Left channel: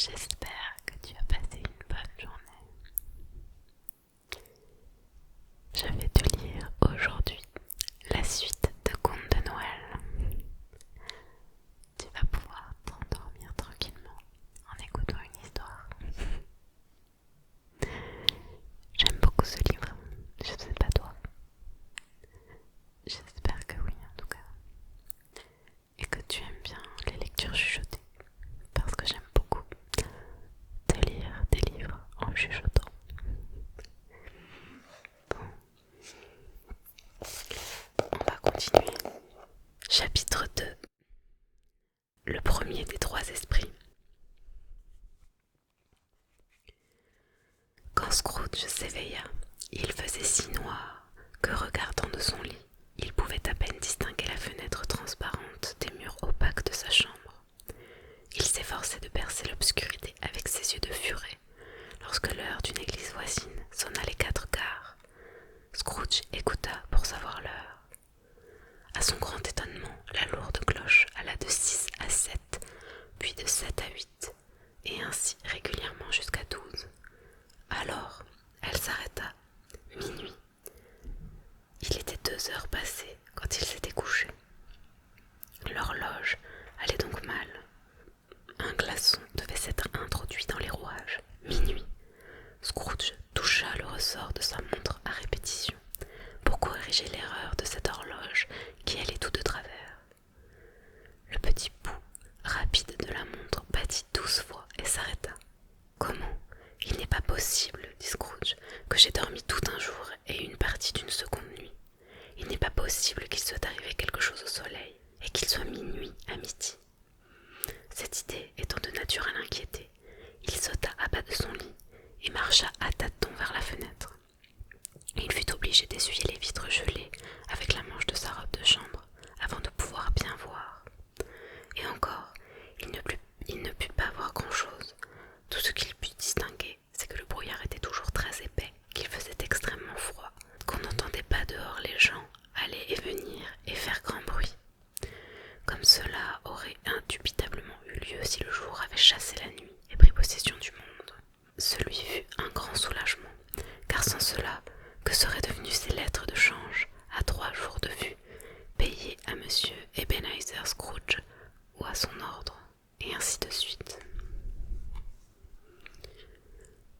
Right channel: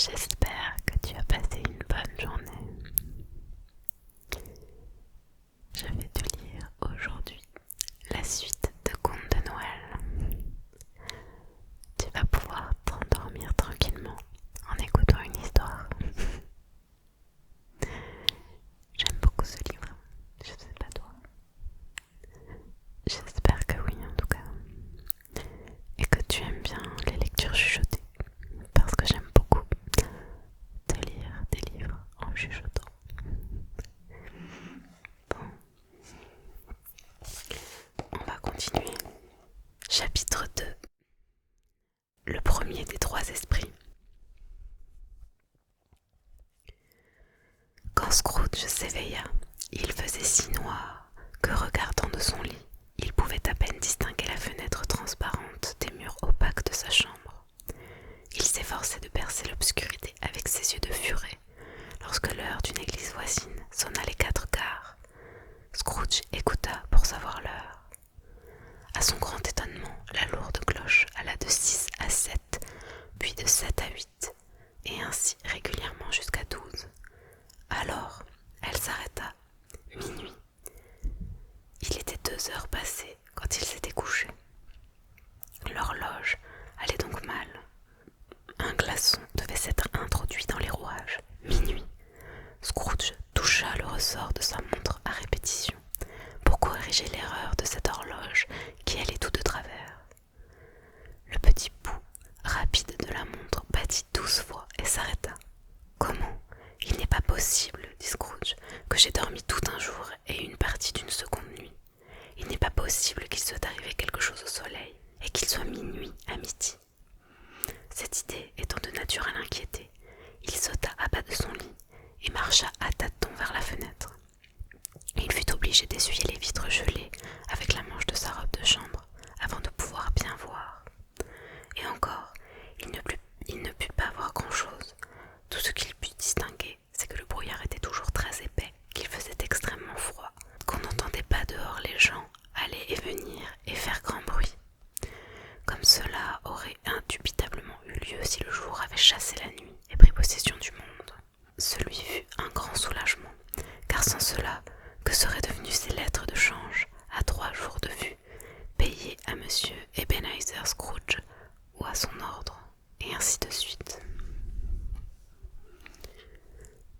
J'espère que tu as passé une bonne journée. Je vais te lire aujourd'hui la suite de Contes de Noël. Tu vas pouvoir t'endormir tranquillement en écoutant une histoire. J'aime beaucoup ce livre, je sais pas toi. J'espère que oui en tout cas. Et que tu aimes bien les lectures chuchotées, parce que j'aime beaucoup te lire des livres en chuchotant. Bon, on va continuer. Chapitre 2. Le premier des trois esprits. Quand Scrooge s'éveilla, il faisait si noir que, regardant de son lit, il pouvait à peine distinguer la fenêtre transparente des murs opaques de sa chambre. Il s'efforçait de percer l'obscurité avec ses yeux de furet, lorsque l'heure d'une église voisine sonna les 4 quarts. Scrooge écouta pour savoir l'heure. À son grand étonnement, la lourde cloche alla de 6 à 7, puis de 7 à 8, et ainsi régulièrement jusqu'à 12. Alors, elle s'arrêta. Minuit. Il était 2 heures passées quand il s'était couché. L'horloge allait donc mal. Un glaçon devait s'être introduit dans les rouages. Minuit. Scrooge toucha le ressort de sa montre à répétition pour corriger l'erreur de cette horloge qui allait tout de travers. Le petit pouls rapide de la montre battit 12 fois et s'arrêta. « Comment ? Il n'est pas possible, dit Scrooge, que j'ai dormi tout un jour et une partie d'une seconde nuit. Il n'est pas possible qu'il soit arrivé quelque chose au soleil et qu'il soit minuit à midi. » Cette idée étant de nature à l'inquiéter, il sauta à bas de son lit et marcha à tâtons vers la fenêtre. Il fut obligé d'essuyer les vitres gelées avec la manche de sa robe de chambre avant de pouvoir bien voir. Et encore, il ne put pas voir grand-chose. Tout ce qu'il put distinguer, c'est que le brouillard était toujours très épais, qu'il faisait extrêmement froid, qu'on n'entendait pas dehors les gens aller et venir et faire grand bruit. Comme cela aurait indubitablement eu lieu si le jour avait chassé la nuit et pris possession du monde. Ce lui fut un grand soulagement, car sans cela, que seraient devenues ces lettres de change à 3 jours de vue, payées à monsieur Ebenezer Scrooge ou à son ordre, et ainsi de suite.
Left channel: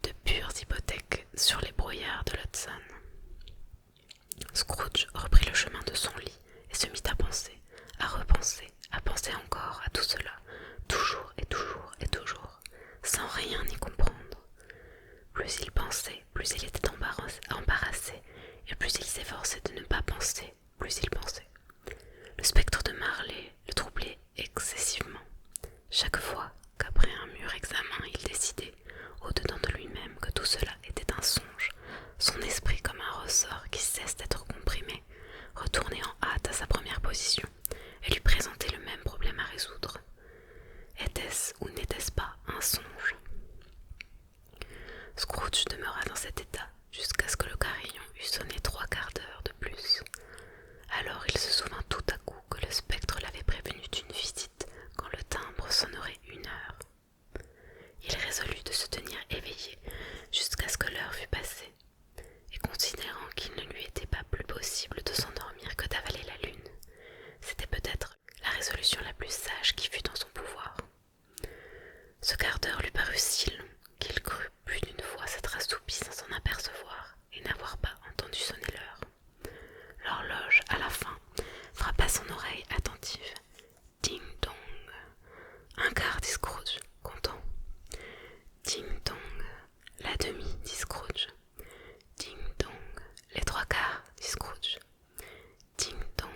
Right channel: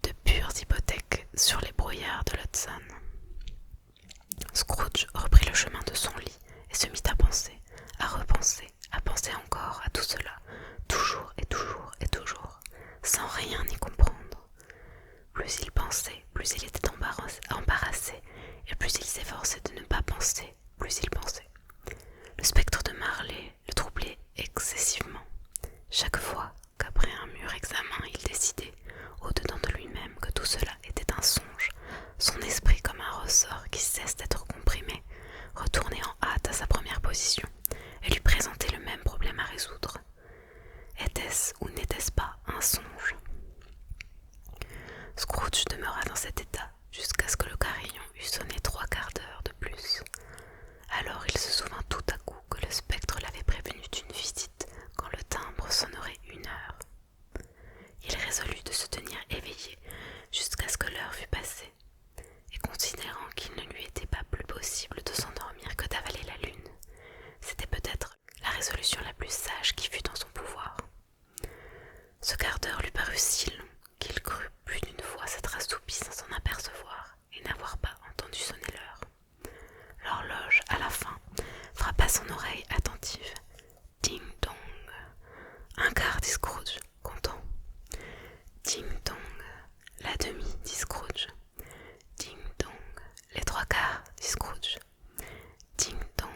De pures hypothèques sur les brouillards de l'Hudson. Scrooge reprit le chemin de son lit et se mit à penser, à penser encore à tout cela, toujours et toujours et toujours, sans rien y comprendre. Plus il pensait, plus il était embarrassé, et plus il s'efforçait de ne pas penser, plus il pensait. Le spectre de Marley le troublait excessivement. Chaque fois qu'après un mûr examen il décidait, au-dedans de lui-même, que tout cela était un songe, son esprit, comme un ressort qui cesse d'être comprimé, retournait en hâte à sa première position et lui présentait le même problème à résoudre. Était-ce ou n'était-ce pas un songe ? Scrooge demeura dans cet état jusqu'à ce que le carillon eût sonné 3 quarts d'heure de plus. Alors il se souvint tout à coup que le spectre l'avait prévenu d'une visite quand le timbre sonnerait 1 heure. Il résolut de se tenir éveillé jusqu'à ce que l'heure fût passée, et considérant qu'il ne lui était pas plus possible de s'endormir que d'avaler la lune, c'était peut-être la résolution la plus sage qui fût en son pouvoir. Ce quart d'heure lui parut si long qu'il crut plus d'une fois s'être assoupi sans s'en apercevoir et n'avoir pas entendu sonner l'heure. L'horloge, à la fin, frappa son oreille attentive. Ding dong. 1 quart, dit Scrooge, content. Ding dong. La demi, dit Scrooge. Ding dong. Les 3 quarts, dit Scrooge. Ding dong.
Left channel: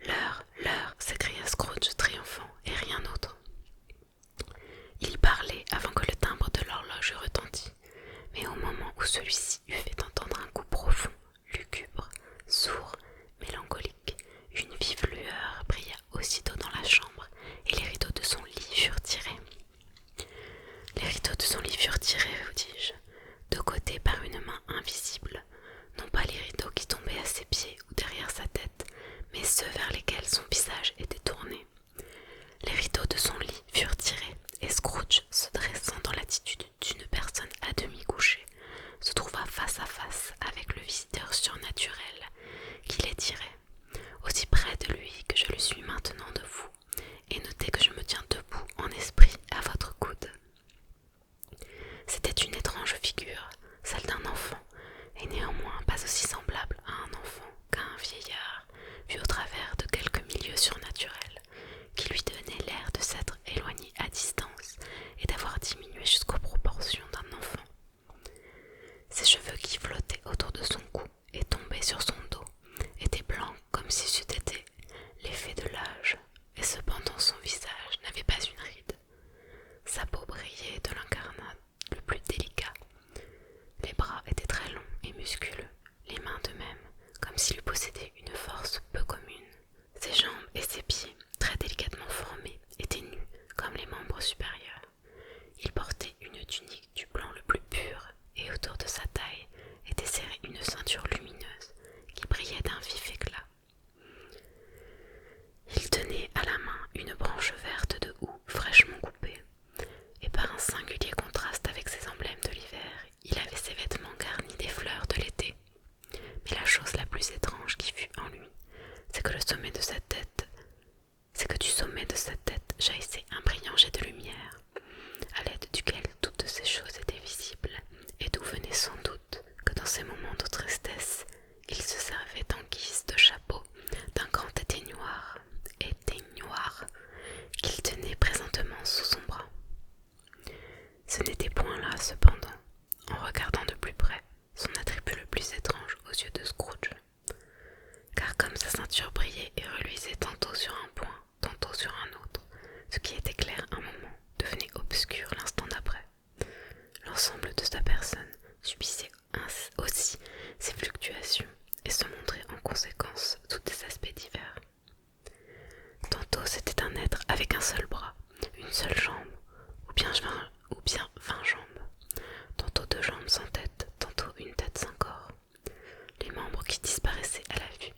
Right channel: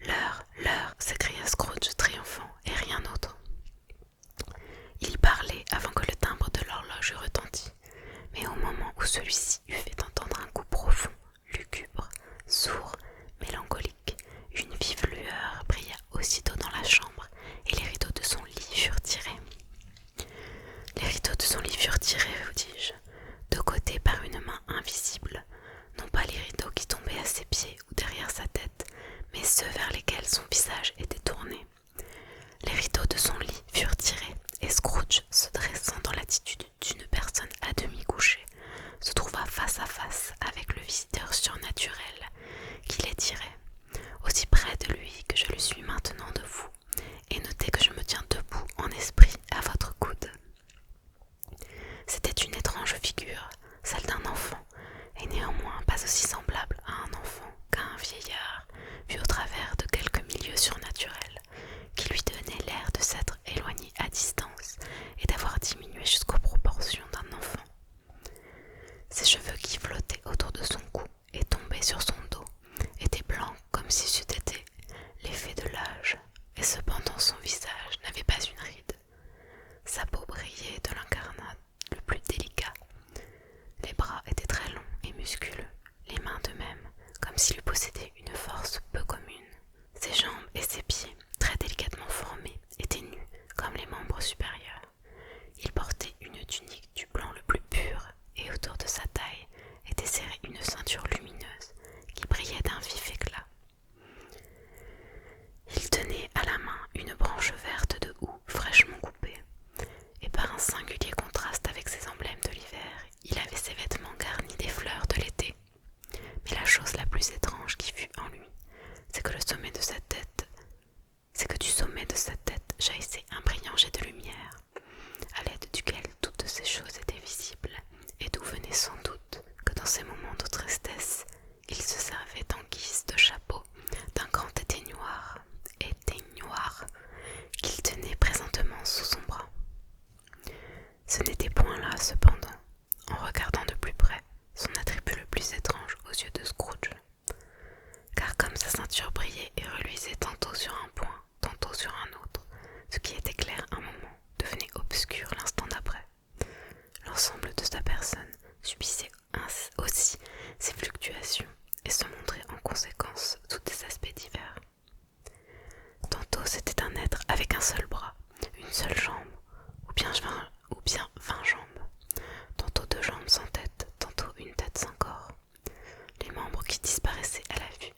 L'heure, s'écria Scrooge triomphant, et rien d'autre. Il parlait avant que le timbre de l'horloge eût retenti, mais au moment où celui-ci eut fait entendre un coup profond, lugubre, sourd, mélancolique, une vive lueur brilla aussitôt dans la chambre et les rideaux de son lit furent tirés. Les rideaux de son lit furent tirés, vous dis-je, de côté par une main invisible, non pas les rideaux qui tombaient à ses pieds ou derrière sa tête, mais ceux vers lesquels son visage était tourné. Les rideaux de son lit furent tirés et Scrooge se dressa. chapeau brillait de l'incarnat le plus délicat. Les bras étaient très longs et musculeux, les mains de même, comme s'il eût possédé une force peu commune. Ses jambes et ses pieds, très délicatement formés, étaient nus comme les membres supérieurs. Il portait une tunique du blanc le plus pur, et autour de sa taille était serrée une ceinture lumineuse qui brillait d'un vif éclat. Il tenait à la main une branche verte de houx fraîchement coupée, et par un singulier contraste avec ses emblèmes de l'hiver, il avait ses vêtements garnis des fleurs de l'été. Mais la chose la plus étrange qui fut en lui, c'est que du sommet de sa tête jaillissait un brillant jet de lumière, à l'aide duquel toutes ces choses étaient visibles, et d'où venait sans doute que dans ces moments de tristesse, il se servait en guise de chapeau d'un grand éteignoir qu'il tenait présentement sous son bras. Ce n'était point là, cependant, en regardant de plus près, son attribut le plus étrange aux yeux de Scrooge, car comme sa ceinture brillait et reluisait tantôt sur un point, tantôt sur un autre, ce qui était clair un moment devenait obscur l'instant d'après. L'ensemble de sa personne subissait aussi ces fluctuations et se montrait en conséquence sous des aspects divers. Tantôt c'était un être avec un seul bras, une seule jambe, ou bien 20 jambes, tantôt 2 jambes sans tête, tantôt une tête sans corps. Les membres qui disparaissaient à la vue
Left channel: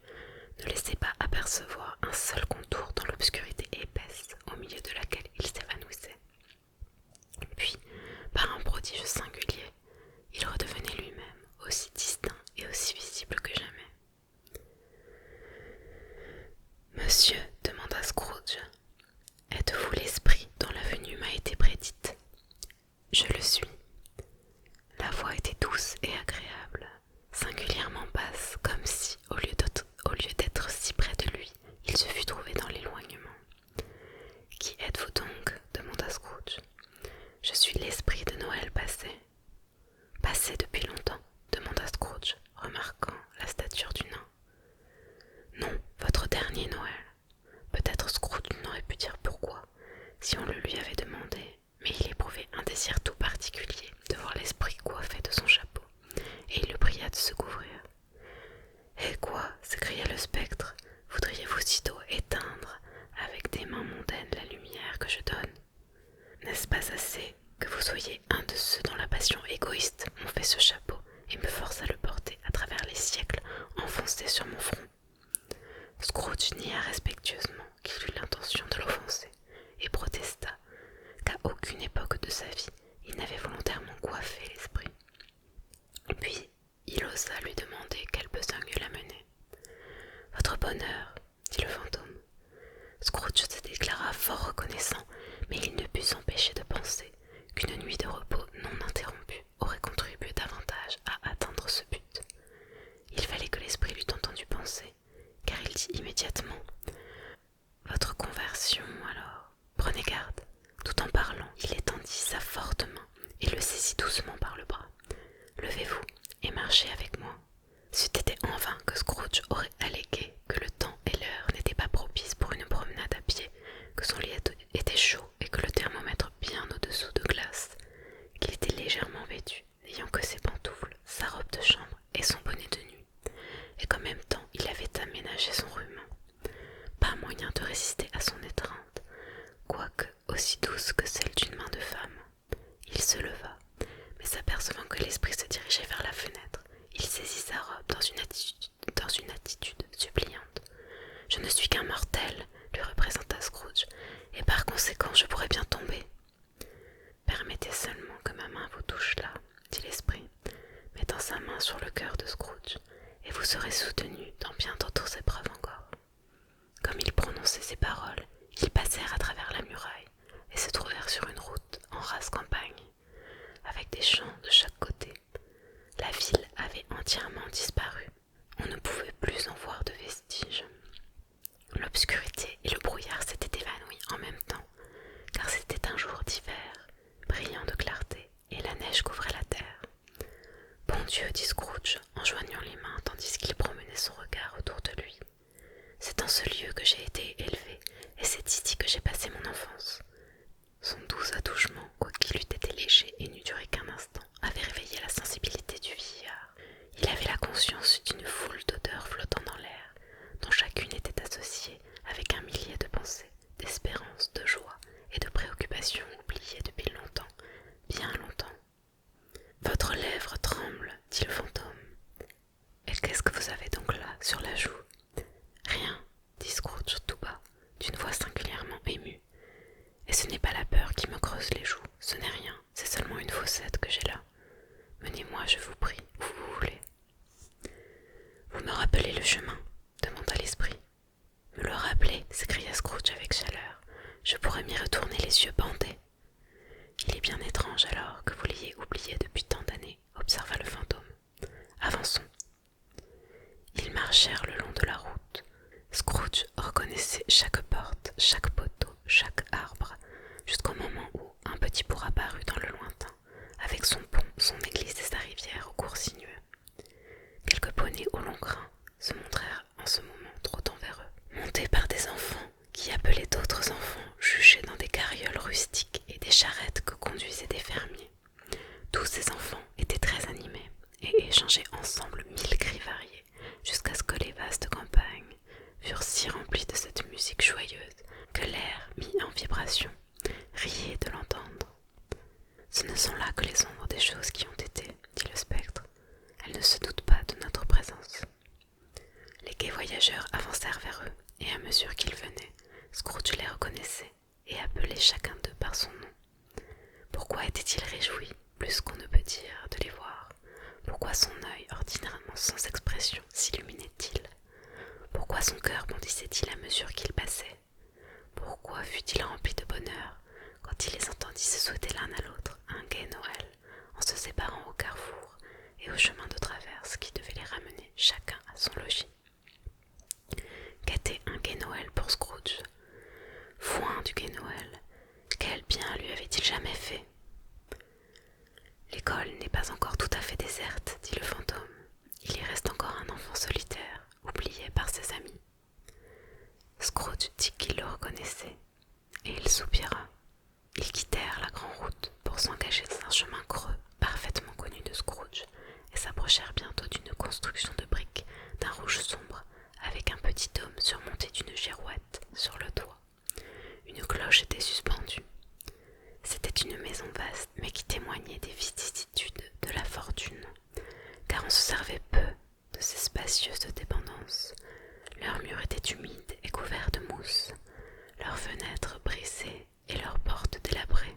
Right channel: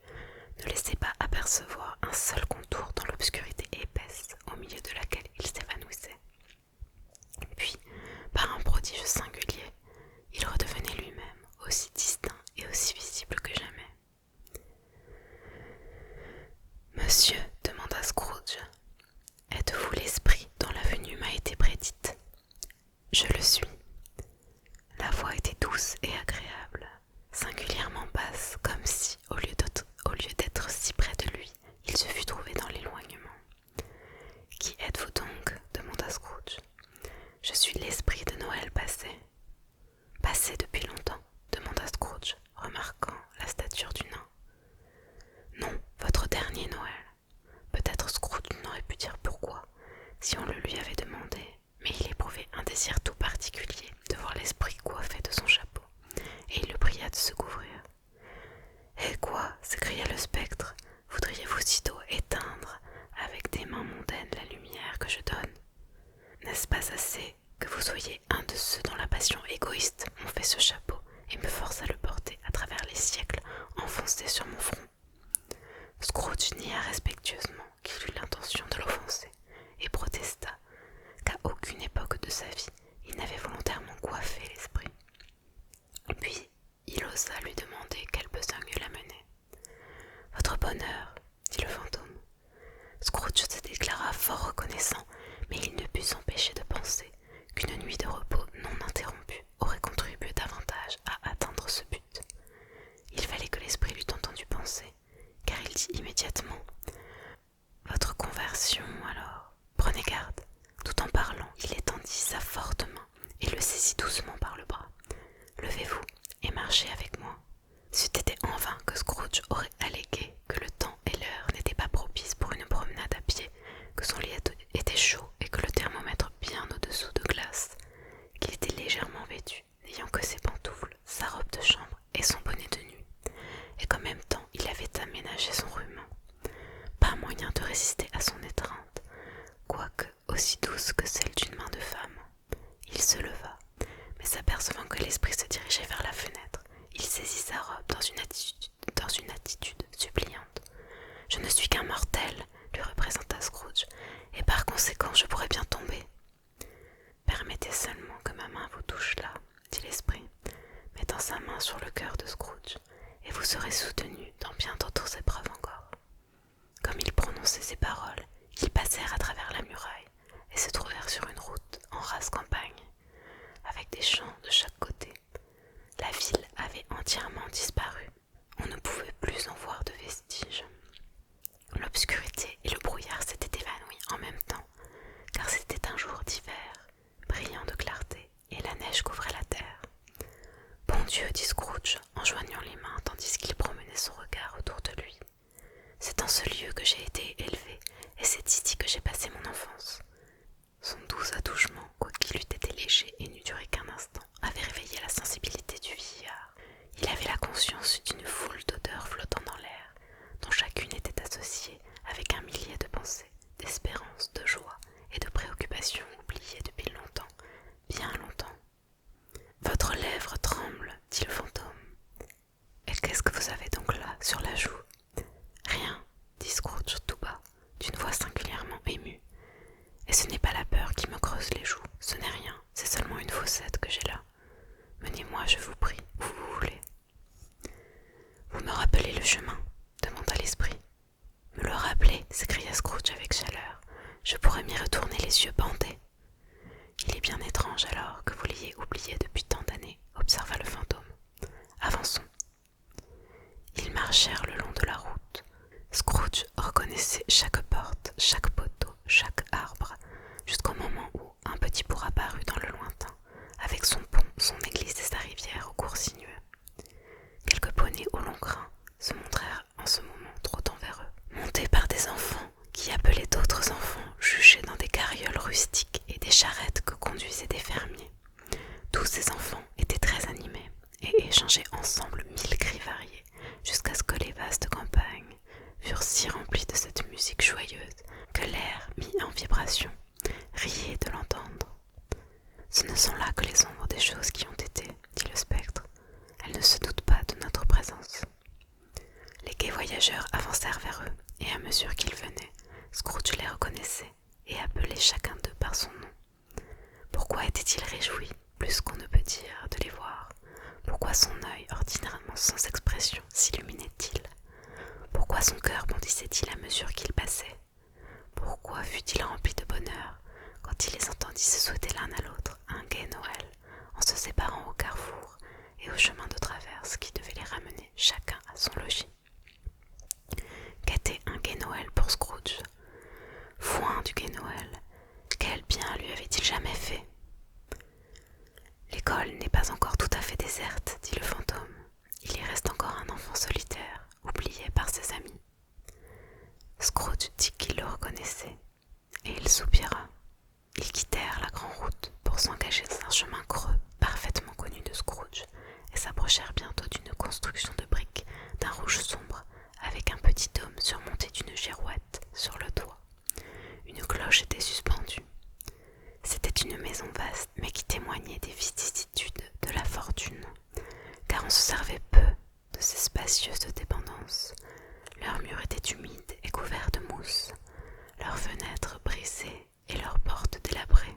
ne laissaient pas apercevoir un seul contour dans l'obscurité épaisse au milieu de laquelle il s'évanouissait. Puis, par un prodige singulier, il redevenait lui-même aussi distinct et aussi visible que jamais. « Monsieur, demanda Scrooge, êtes-vous l'esprit dont la venue m'a été prédite ?»« Je le suis. » La voix était douce et agréable, singulièrement basse, comme si, au lieu d'être si près de lui, il se fût trouvé dans l'éloignement. « Qui êtes-vous donc ?» demanda Scrooge. « Je suis l'esprit de Noël passé. »« Passé depuis longtemps ?» demanda Scrooge, remarquant la stature du nain. « Non, votre dernier Noël. » Peut-être Scrooge n'aurait pu dire pourquoi, si on le lui avait demandé, mais il éprouvait un désir tout particulier de voir l'esprit coiffé de son chapeau, et il le pria de se couvrir. « Eh quoi ?» s'écria le spectre, « voudriez-vous sitôt éteindre avec des mains mondaines la lumière que je donne? N'est-ce pas assez que vous soyez un de ceux dont la passion égoïste m'ont fait ce chapeau et me force à le porter à travers les siècles enfoncés sur mon front ?» Scrooge nia respectueusement qu'il eut l'intention de l'offenser et protesta qu'à aucune époque de sa vie il n'avait volontairement coiffé l'esprit. Puis il osa lui demander quelle besogne l'amenait. « Votre bonheur, » dit le fantôme. Scrooge se déclara fort reconnaissant, mais il ne put s'empêcher de penser qu'une nuit de repos non interrompue aurait contribué davantage à atteindre ce but. Il fallait que l'esprit l'eût entendu penser, car il dit immédiatement « Votre conversion, alors, prenez garde. » Tout en parlant, il étendit sa forte main et le saisit doucement par le bras. « Levez-vous et marchez avec moi. » C'eût été en vain que Scrooge aurait allégué que le temps et l'heure n'étaient pas propices pour une promenade à pied, que son lit était chaud et que le thermomètre bien au-dessous de glace, qu'il était légèrement vêtu, n'ayant que ses pantoufles, sa robe de chambre et son bonnet de nuit, et qu'en même temps il avait aménagé son rhume. Pas moyen de résister à son étreinte, quoique aussi douce que celle d'une main de femme. Il se leva, mais s'apercevant que l'esprit se dirigeait vers la fenêtre, il saisit sa robe dans une attitude suppliante. « Je ne suis qu'un mortel, » lui représenta Scrooge, « et par conséquent je pourrais bien tomber. »« Permettez seulement que ma main vous touche là, » dit l'esprit, mettant sa main sur le cœur de Scrooge, « et vous serez soutenu dans bien d'autres épreuves encore. » Comme il prononçait ces paroles, ils passèrent à travers la muraille et se trouvèrent sur une route en rase campagne, avec des champs de chaque côté. La ville avait entièrement disparu. On ne pouvait plus en voir de vestiges. L'obscurité et le brouillard s'étaient évanouis en même temps, car c'était un jour d'hiver, brillant de clarté, et la neige couvrait la terre. « Bon Dieu !» dit Scrooge, en joignant les mains tandis qu'il promenait son étrange alors que vous l'ayez oublié depuis tant d'années, observa le fantôme. Avançons. Ils marchèrent le long de la route. Scrooge reconnaissait chaque porte, chaque poteau, chaque arbre, jusqu'au moment où un petit bourg apparut dans le lointain, avec son pont, son église et sa rivière au cours sinueux. Quelques poneys au long crin se montrèrent en ce moment trottant vers eux, montés par des enfants qui appelaient d'autres enfants juchés dans des carrioles rustiques et des charrettes que conduisaient des fermiers. Tous ces enfants étaient très animés et échangeaient ensemble 1000 cris variés, jusqu'à ce que les vastes campagnes furent si remplies de cette musique joyeuse que l'air, mis en vibration, riait de l'entendre. « Ce ne sont là que les ombres des choses qui ont été, dit le spectre. Elles ne se doutent pas de notre présence. » Les gais voyageurs avancèrent vers eux, et à mesure qu'ils venaient, Scrooge les reconnaissait et appelait chacun d'eux par son nom. Pourquoi était-il réjoui, plus qu'on ne peut dire, de les voir? Pourquoi son œil, ordinairement sans expression, s'illuminait-il? Pourquoi son cœur bondissait-il à mesure qu'il passait? Pourquoi fut-il rempli de bonheur quand il les entendit se souhaiter l'un à l'autre un gai Noël, en se séparant au carrefour et au chemin de traverse qui devait les ramener chacun à son logis? Qu'était un gai Noël pour Scrooge? Foin du gai Noël, quel bien lui avait-il jamais fait? L'école n'est pas encore tout à fait déserte, dit le fantôme. Il y reste encore un enfant solitaire, oublié par ses amis. Scrooge dit qu'il le reconnaissait, et il soupira. Ils quittèrent la grande route pour s'engager dans un chemin creux parfaitement connu de Scrooge, et s'approchèrent bientôt d'une construction de briques d'un rouge sombre, avec un petit dôme surmonté d'une girouette sur le toit. Une cloche était suspendue. C'était une maison vaste, mais qui témoignait des vicissitudes de la fortune, car on se servait peu de ces spacieuses dépendances. Leurs murs étaient humides et couverts de mousse, leurs fenêtres brisées et leurs portes délabrées.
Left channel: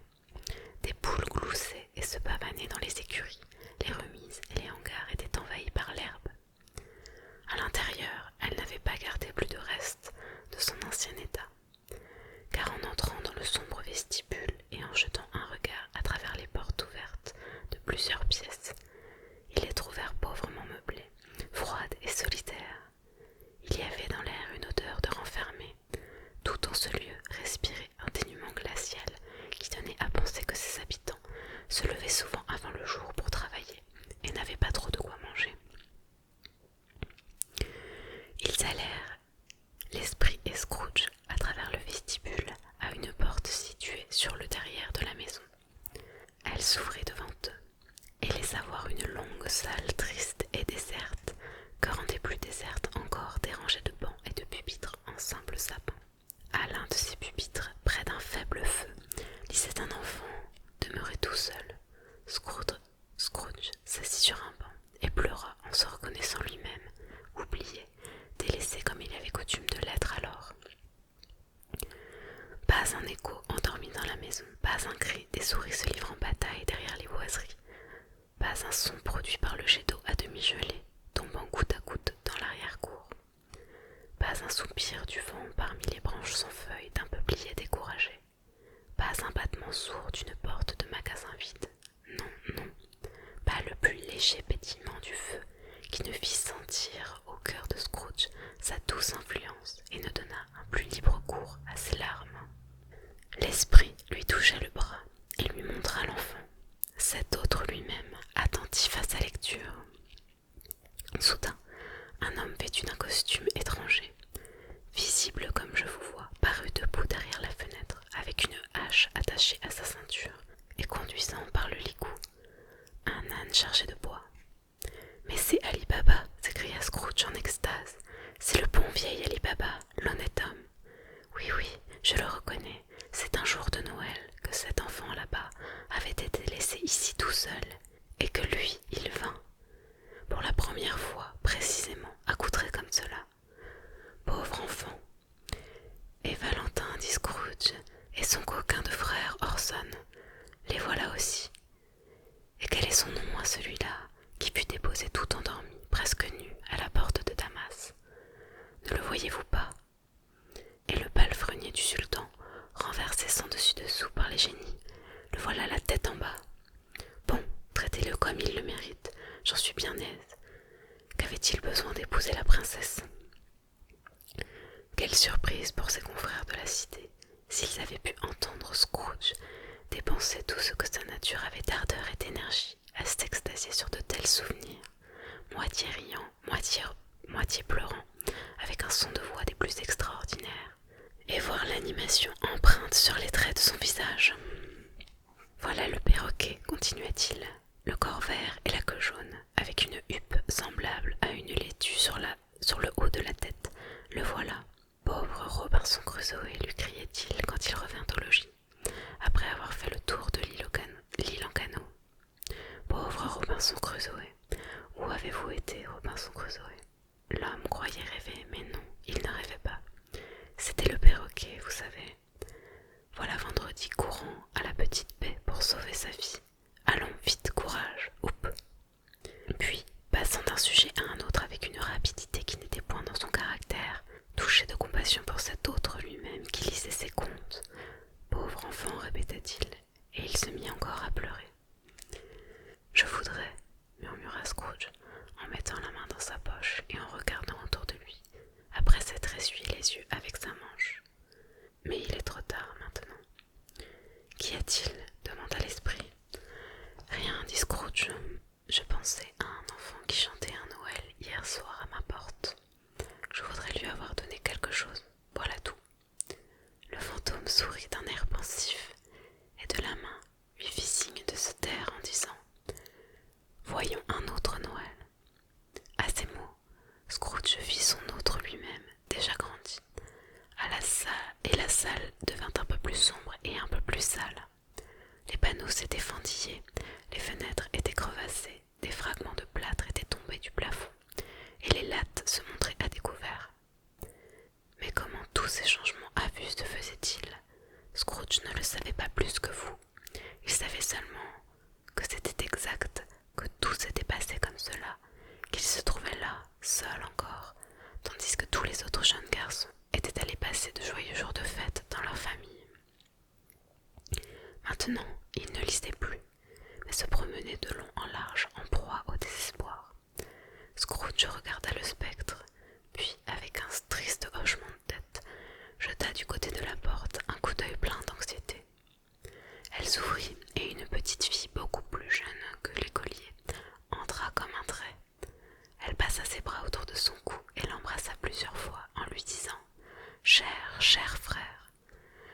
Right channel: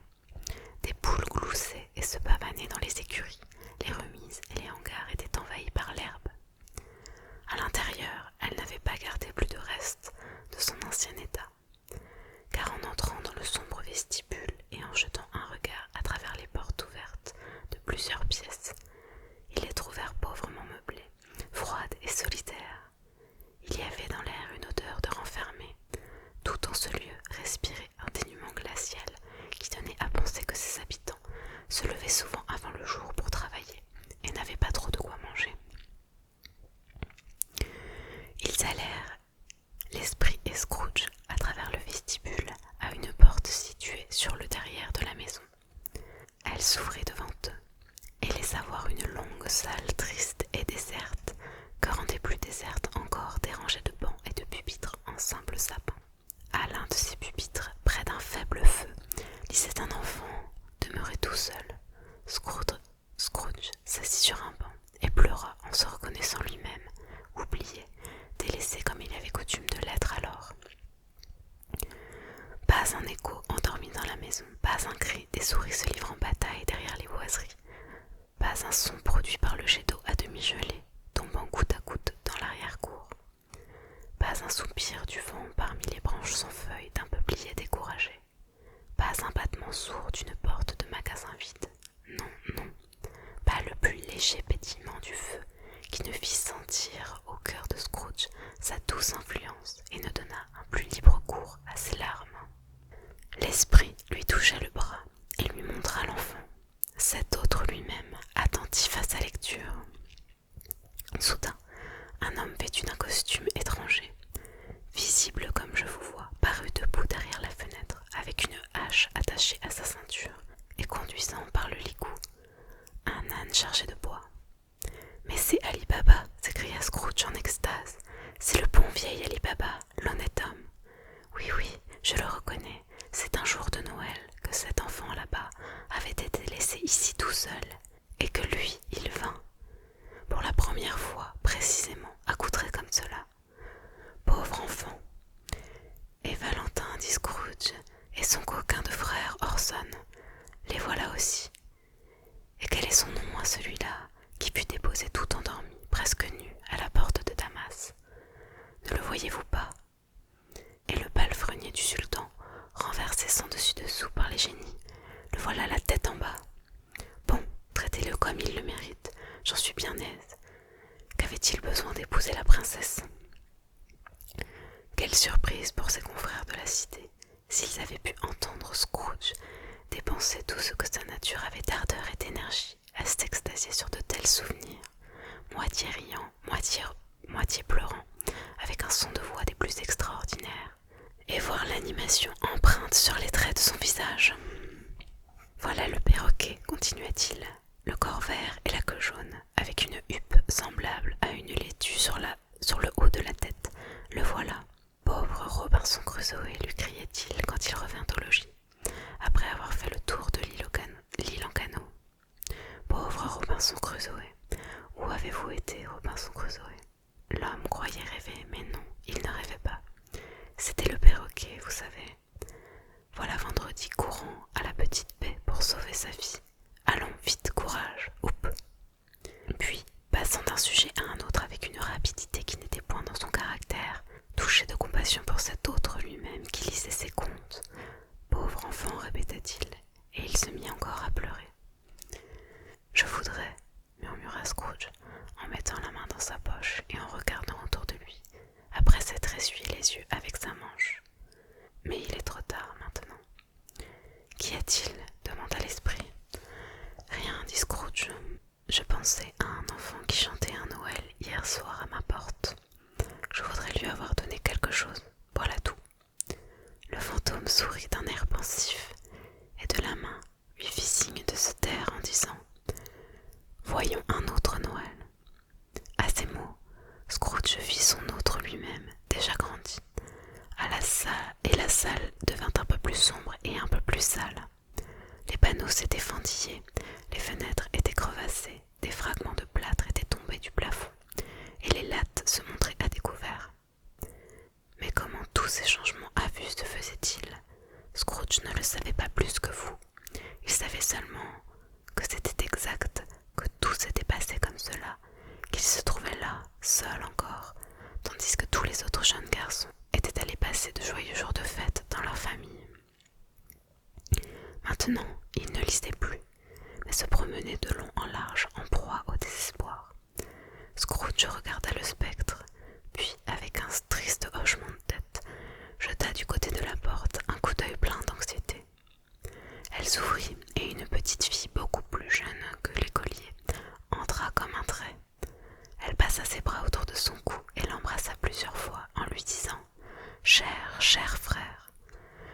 Des poules gloussaient et se pavanaient dans les écuries, les remises et les hangars étaient envahis par l'herbe. À l'intérieur, elle n'avait pas gardé plus de restes de son ancien état, car en entrant dans le sombre vestibule et en jetant un regard à travers les portes ouvertes de plusieurs pièces, ils les trouvèrent pauvrement meublées, froides et solitaires. Il y avait dans l'air une odeur de renfermé. Tout en ce lieu respirait un dénuement glacial qui donnait à penser que ses habitants se levaient souvent avant le jour pour travailler et n'avaient pas trop de quoi manger. Ils allèrent, l'esprit et Scrooge, à travers le vestibule à une porte située sur le derrière de la maison. Elle s'ouvrit devant eux et laissa voir une longue salle triste et déserte, que rendait plus déserte encore des rangées de bancs et de pupitres en simple sapin. À l'un de ces pupitres, près d'un faible feu, lisait un enfant, demeuré tout seul. Scrooge s'assit sur un banc et pleura en se reconnaissant lui-même, oublié, délaissé comme il avait coutume de l'être alors. Pas un écho endormi dans la maison, pas un cri des souris se livrant bataille derrière les boiseries, pas un son produit par le jet d'eau à demi gelé, tombant goutte à goutte dans l'arrière-cour. Pas un soupir du vent parmi les branches sans feuilles d'un peuplier découragé. Pas un battement sourd d'une porte de magasin vide. Non, non, pas le plus léger pétillement du feu qui ne fit sentir au cœur de Scrooge sa douce influence et ne donna un plus libre cours à ses larmes. L'esprit lui toucha le bras et lui montra l'enfant, cet autre lui-même, attentif à sa lecture. Soudain, un homme vêtu d'un costume étranger, visible comme je vous vois, parut debout derrière la fenêtre, avec une hache attachée à sa ceinture et conduisant par le licou un âne chargé de bois. « Mais c'est Ali Baba !» s'écria Scrooge en extase. « C'est le bon vieil Ali Baba, l'honnête homme. Oui, oui, je le reconnais, c'est un jour de Noël que cet enfant là-bas avait été laissé ici tout seul, et que lui, il vint, pour la première fois, précisément, accoutré comme cela. Pauvre enfant. Et Valentin, dit Scrooge, et son coquin de frère Orson, les voilà aussi. Et quel est son nom à celui-là, qui fut déposé tout endormi, presque nu, à la porte de Damas? Ne le voyez-vous pas? Et le palefrenier du sultan, renversé sans dessus dessous par les génies, le voilà la tête en bas, j'en suis bien aise. Qu'avait-il besoin d'épouser la princesse? Quelle surprise pour ses confrères de la cité, s'ils avaient pu entendre Scrooge dépenser tout ce que sa nature avait d'ardeur et d'énergie à s'extasier sur de tels souvenirs, moitié riant, moitié pleurant, avec un son de voix des plus extraordinaires, et voir l'animation empreinte sur les traits de son visage. Voilà le perroquet, continua-t-il, le corps vert et la queue jaune, avec une huppe semblable à une laitue sur le haut de la tête. Le voilà. Pauvre Robinson Crusoe, lui criait-il quand il revint au logis, après avoir fait le tour de l'île en canot. Pauvre Robinson Crusoe, où avez-vous été, Robinson Crusoe? L'homme croyait rêver, mais non, il ne rêvait pas. C'était le perroquet, vous savez. Voilà vendredi courant à la petite baie pour sauver sa vie. Allons, vite, courage, oup. Puis, passant d'un sujet à un autre avec une rapidité qui n'était point dans son caractère, touché de compassion pour cet autre lui-même qui lisait ses contes. Pauvre enfant, répéta-t-il, et il se mit encore à pleurer. Je voudrais, murmura Scrooge, en mettant la main dans sa poche et en regardant autour de lui, après s'être essuyé les yeux avec sa manche. Mais il est trop tard maintenant. Qu'y a-t-il? Demanda l'esprit. Rien, dit Scrooge. Je pensais à un enfant qui chantait un Noël hier soir à ma porte. Je voudrais lui avoir donné quelque chose. Voilà tout. Le fantôme sourit d'un air pensif et de la main lui fit signe de se taire en disant « Voyons un autre Noël ». À ces mots, Scrooge vit son autre lui-même, déjà grandi, et la salle devint un peu plus sombre et un peu plus sale. Les panneaux s'étaient fendillés, les fenêtres étaient crevassées, des fragments de plâtre étaient tombés du plafond, et les lattes se montraient à découvert. Mais comment tous ces changements à vue se faisaient-ils? Scrooge ne le savait pas plus que vous. Il savait seulement que c'était exact, que tout s'était passé comme cela, qu'il se trouvait là, seul encore, tandis que tous les autres jeunes garçons étaient allés passer de joyeux jours de fête dans leur famille. Maintenant, il ne lisait plus, mais se promenait de long en large en proie au désespoir. Scrooge regarda le spectre, puis, avec un triste hochement de tête, jeta du côté de la porte un coup d'œil plein d'anxiété. Elle s'ouvrit et une petite fille beaucoup plus jeune que l'écolier entra comme un trait. Elle passa ses bras autour de son cou et l'embrassa plusieurs fois en lui disant « Cher frère !»«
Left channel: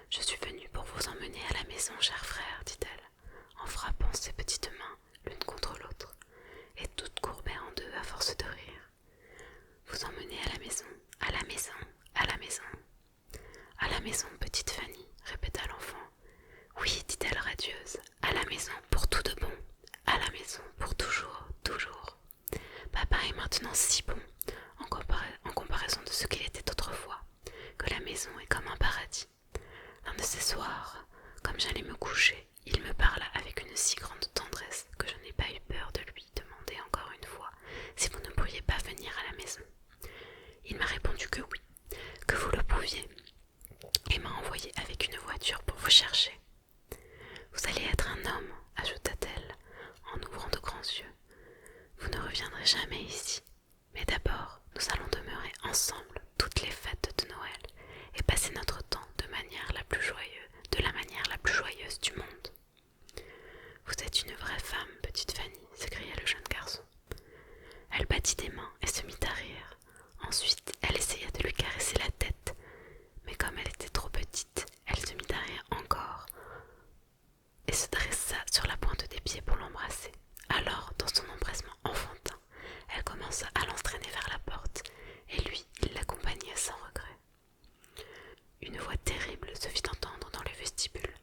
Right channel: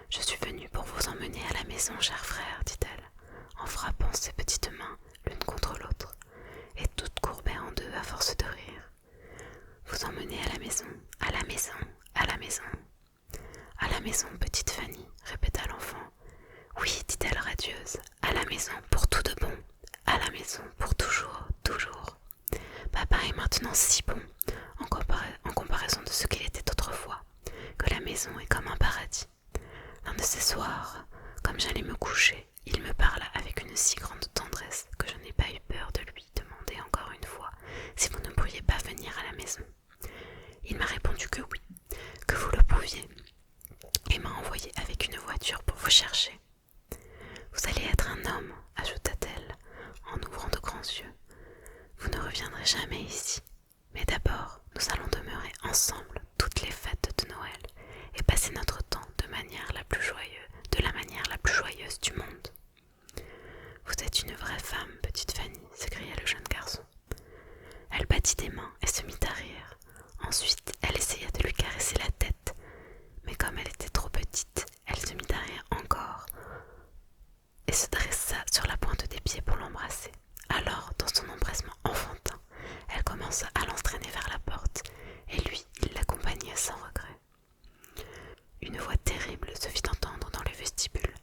Je suis venue pour vous emmener à la maison, cher frère, dit-elle, en frappant ses petites mains l'une contre l'autre, et toutes courbées en deux à force de rire. Vous emmener à la maison, à la maison, à la maison. À la maison, petite Fanny, répéta l'enfant. Oui, dit-elle radieuse, à la maison pour tout de bon, à la maison pour toujours, toujours. Papa est maintenant si bon, en comparaison de ce qu'il était autrefois, que la maison est comme un paradis. L'un de ces soirs, comme j'allais me coucher, il me parla avec une si grande tendresse que je n'ai pas eu peur de lui demander encore une fois si vous ne pourriez pas venir à la maison. Il m'a répondu que oui, que vous le pouviez, et m'a envoyé avec une voiture pour vous chercher. Vous allez être un homme, ajouta-t-elle, en ouvrant de grands yeux. Vous ne reviendrez jamais ici, mais d'abord nous allons demeurer ensemble toutes les fêtes de Noël et passer notre temps de la manière la plus joyeuse du monde. Vous êtes une vraie femme, petite Fanny, s'écria le jeune garçon. Elle battit des mains et se mit à rire. Ensuite, elle essaya de lui caresser la tête, mais comme elle était trop petite, elle se mit à rire encore et se dressa sur la pointe des pieds pour l'embrasser. Alors, dans son empressement enfantin, elle commença à l'entraîner vers la porte, et lui, il l'accompagnait sans regret. Une voix terrible se fit entendre dans le vestibule.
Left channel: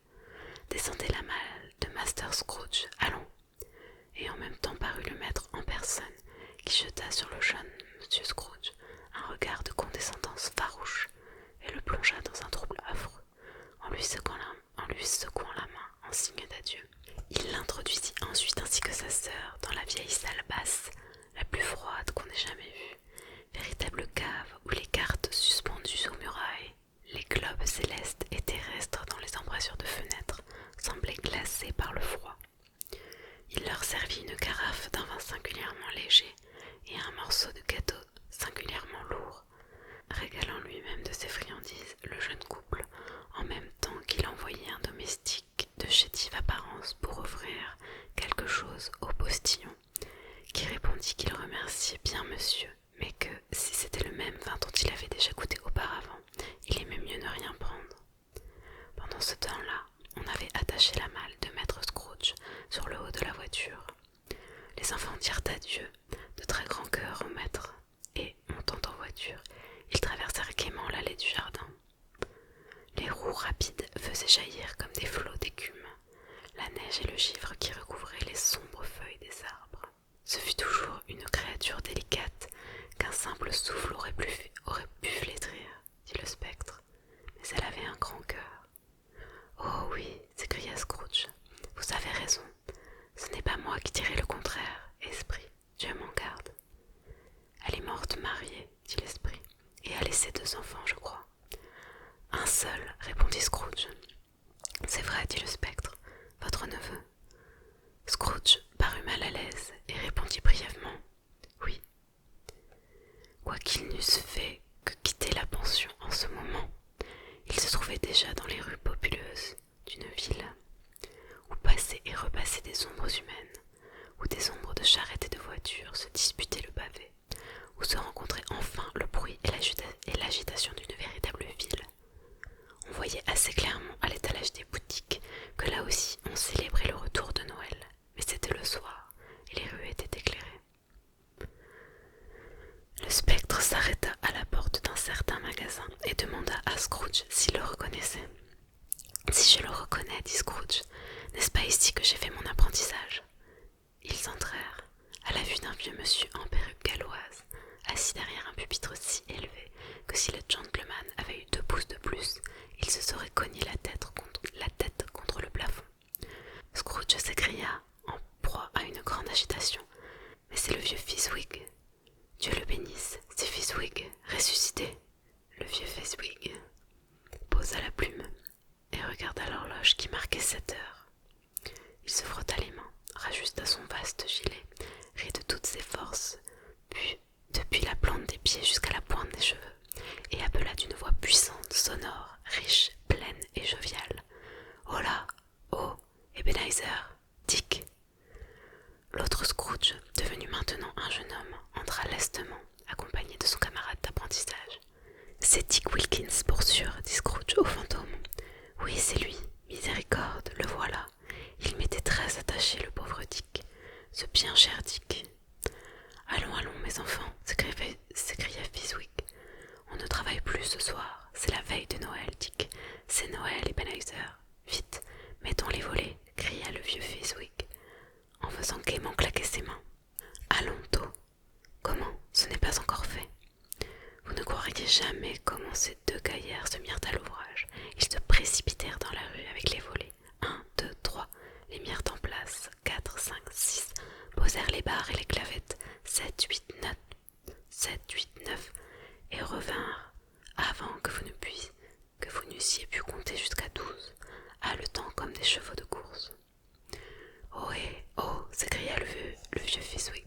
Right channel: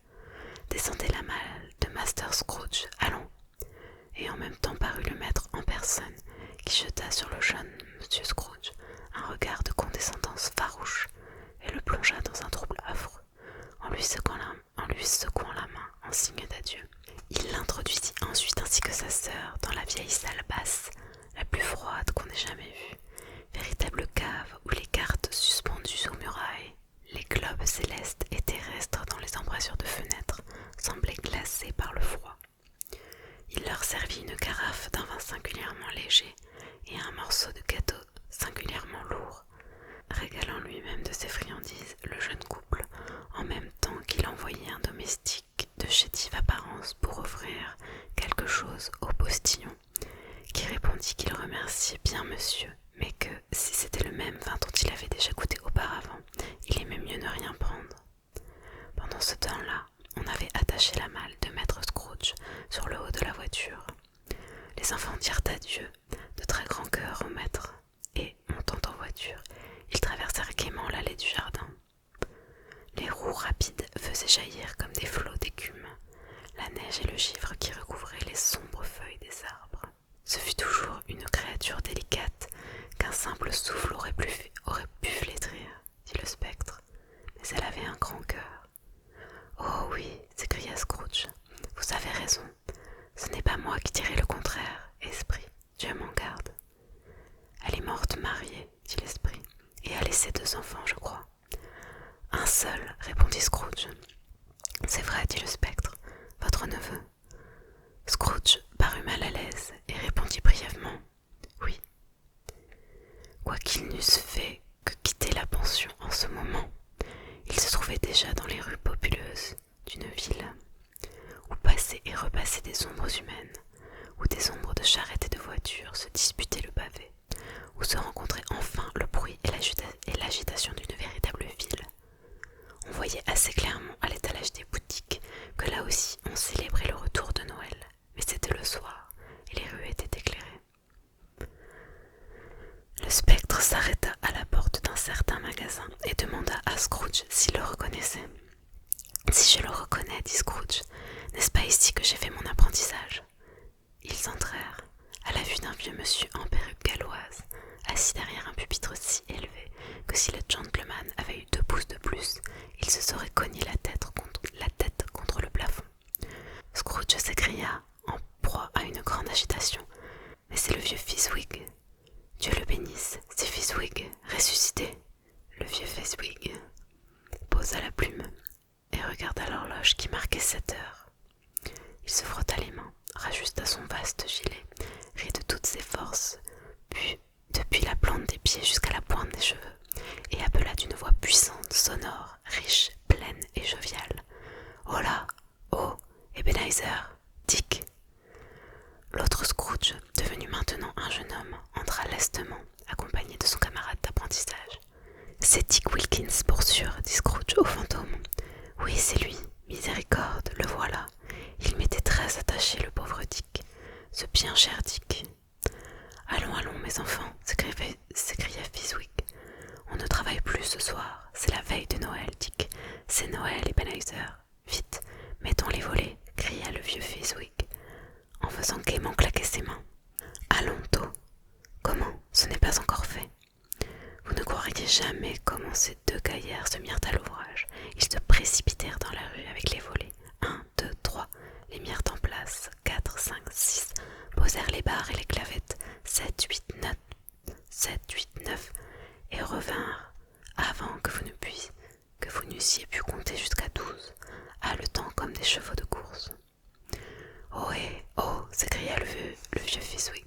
Descendez la malle de Master Scrooge, allons. Et en même temps parut le maître en personne, qui jeta sur le jeune monsieur Scrooge un regard de condescendance farouche, et le plongea dans un trouble affreux, en lui secouant la main en signe d'adieu. Il l'introduisit ensuite ainsi que sa sœur dans la vieille salle basse, la plus froide qu'on ait jamais vue, véritable cave où les cartes suspendues aux murailles, les globes célestes et terrestres dans les embrasures de fenêtres semblaient glacés par le froid. Il leur servit une carafe d'un vin singulièrement singulièrement léger et un morceau de gâteau singulièrement lourd. Régalant lui-même de ses friandises, le jeune couple, en même temps qu'il envoyait un domestique de chétive apparence pour offrir quelque chose au postillon, qui répondit qu'il remerciait bien monsieur, mais que, si c'était le même vin dont il avait déjà goûté auparavant, il aimait mieux ne rien prendre. Pendant ce temps-là, on avait attaché la malle de maître Scrooge sur le haut de la voiture. Les enfants dirent adieu de très grand cœur au maître, et, montant en voiture, ils traversèrent gaiement l'allée du jardin. Les roues rapides faisaient jaillir comme des flots d'écume la neige et le givre qui recouvraient les sombres feuilles des arbres. Ce fut toujours une créature délicate qu'un simple souffle aurait pu flétrir, dit le spectre, mais elle avait un grand cœur. « Oh oui, s'écria Scrooge, vous avez raison, ce n'est pas moi qui dirai le contraire, esprit, Dieu m'en garde. » « Elle est morte mariée, dit l'esprit, et a laissé 2 enfants, je crois. »« Un seul, répondit Scrooge. »« C'est vrai, dit le spectre, votre neveu. » Scrooge parut mal à l'aise et répondit brièvement « Oui. » Quoiqu'ils n'eussent fait que quitter la pension en ce moment, ils se trouvaient déjà dans les rues populeuses d'une ville, où passaient et repassaient des ombres humaines, où des ombres de charrettes et de voitures se disputaient le pavé, où se rencontraient enfin le bruit et l'agitation d'une véritable ville. On voyait assez clairement à l'étalage des boutiques que là aussi on célébrait le retour de Noël, mais c'était le soir et les rues étaient éclairées. Le spectre s'arrêta à la porte d'un certain magasin et demanda à Scrooge s'il le reconnaissait. « Si je le reconnais, dit Scrooge, n'est-ce pas ici que j'ai fait mon apprentissage ?» Ils entrèrent, à la vue d'un vieux monsieur en perruque galloise, assis derrière un pupitre si élevé que si le gentleman avait eu 2 pouces de plus, il se serait cogné la tête contre le plafond. Scrooge s'écria, en proie à une grande agitation. « Mais c'est le vieux Fezziwig. Dieu le bénisse, c'est Fezziwig, ressuscité. » Le vieux Fezziwig posa la plume et regarda l'horloge qui marquait 7 heures. Il se frotta les mains, rajusta son vaste gilet, rit de toutes ses forces, puis depuis la plante des pieds jusqu'à la pointe des cheveux, et appela d'une voix puissante, sonore, riche, pleine et joviale. « Oh là! Oh! Ebenezer! Dick !» L'autre Scrooge, devenu maintenant un jeune homme, entra lestement, accompagné de son camarade d'apprentissage. « C'est Dick Wilkins, pour sûr, dit Scrooge au fantôme. « Oui, c'est lui. Miséricorde, le voilà. Il m'était très attaché, le pauvre Dick. Ce bien cher Dick. »« Allons, allons, mes enfants, s'écria Fezziwig. On ne travaille plus ce soir. C'est la veille de Noël, Dick. C'est Noël, Ebenezer. Vite, mettons les volets, cria le vieux Fezziwig, en faisant gaiement claquer ses mains. Allons, tôt. Comment? Ce n'est pas encore fait. Vous ne croiriez jamais comment ces 2 gaillards se mirent à l'ouvrage. Ils se précipitèrent dans la rue avec les volets. 1, 2, 3, les mirent en place. 4, 5, 6, posèrent les barres et les clavettes. 7, 8, 9, et revinrent avant que vous n'eussiez pu compter jusqu'à 12, haletant comme des chevaux de course. « Oh hé, oh !» s'écria le vieux Fezziwig,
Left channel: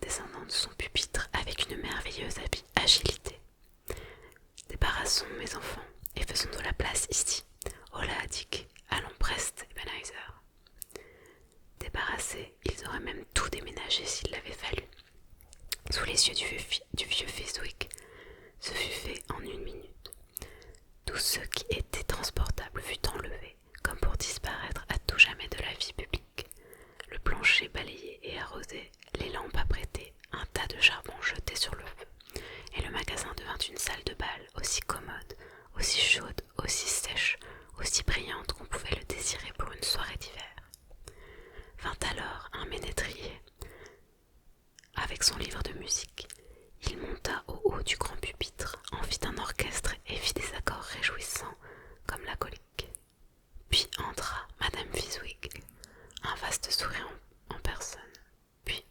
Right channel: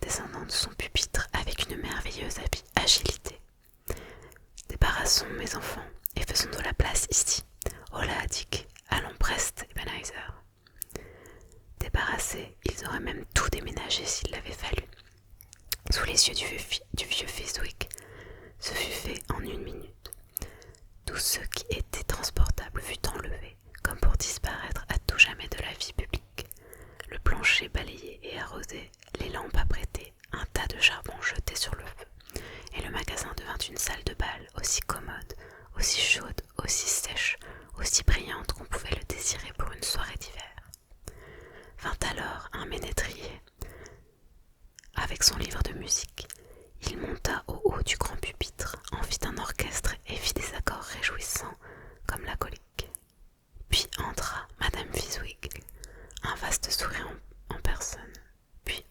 descendant de son pupitre avec une merveilleuse agilité. « Débarrassons, mes enfants, et faisons de la place ici. Oh là, Dick, allons preste, Ebenezer. » Débarrassés, ils auraient même tout déménagé s'il l'avait fallu. Sous les yeux du vieux Fezziwig, ce fut fait en 1 minute. Tout ce qui était transportable fut enlevé, comme pour disparaître à tout jamais de la vie publique. Le plancher balayé et arrosé, les lampes apprêtées, un tas de charbon jeté sur le feu, et le magasin devint une salle de bal aussi commode, aussi chaude, aussi sèche, aussi brillante qu'on pouvait le désirer pour une soirée d'hiver. Vint alors un ménétrier avec son livre de musique. Il monta au haut du grand pupitre, en fit un orchestre et fit des accords réjouissants comme la colique. Puis entra Madame Fezziwig, un vaste sourire en personne. Puis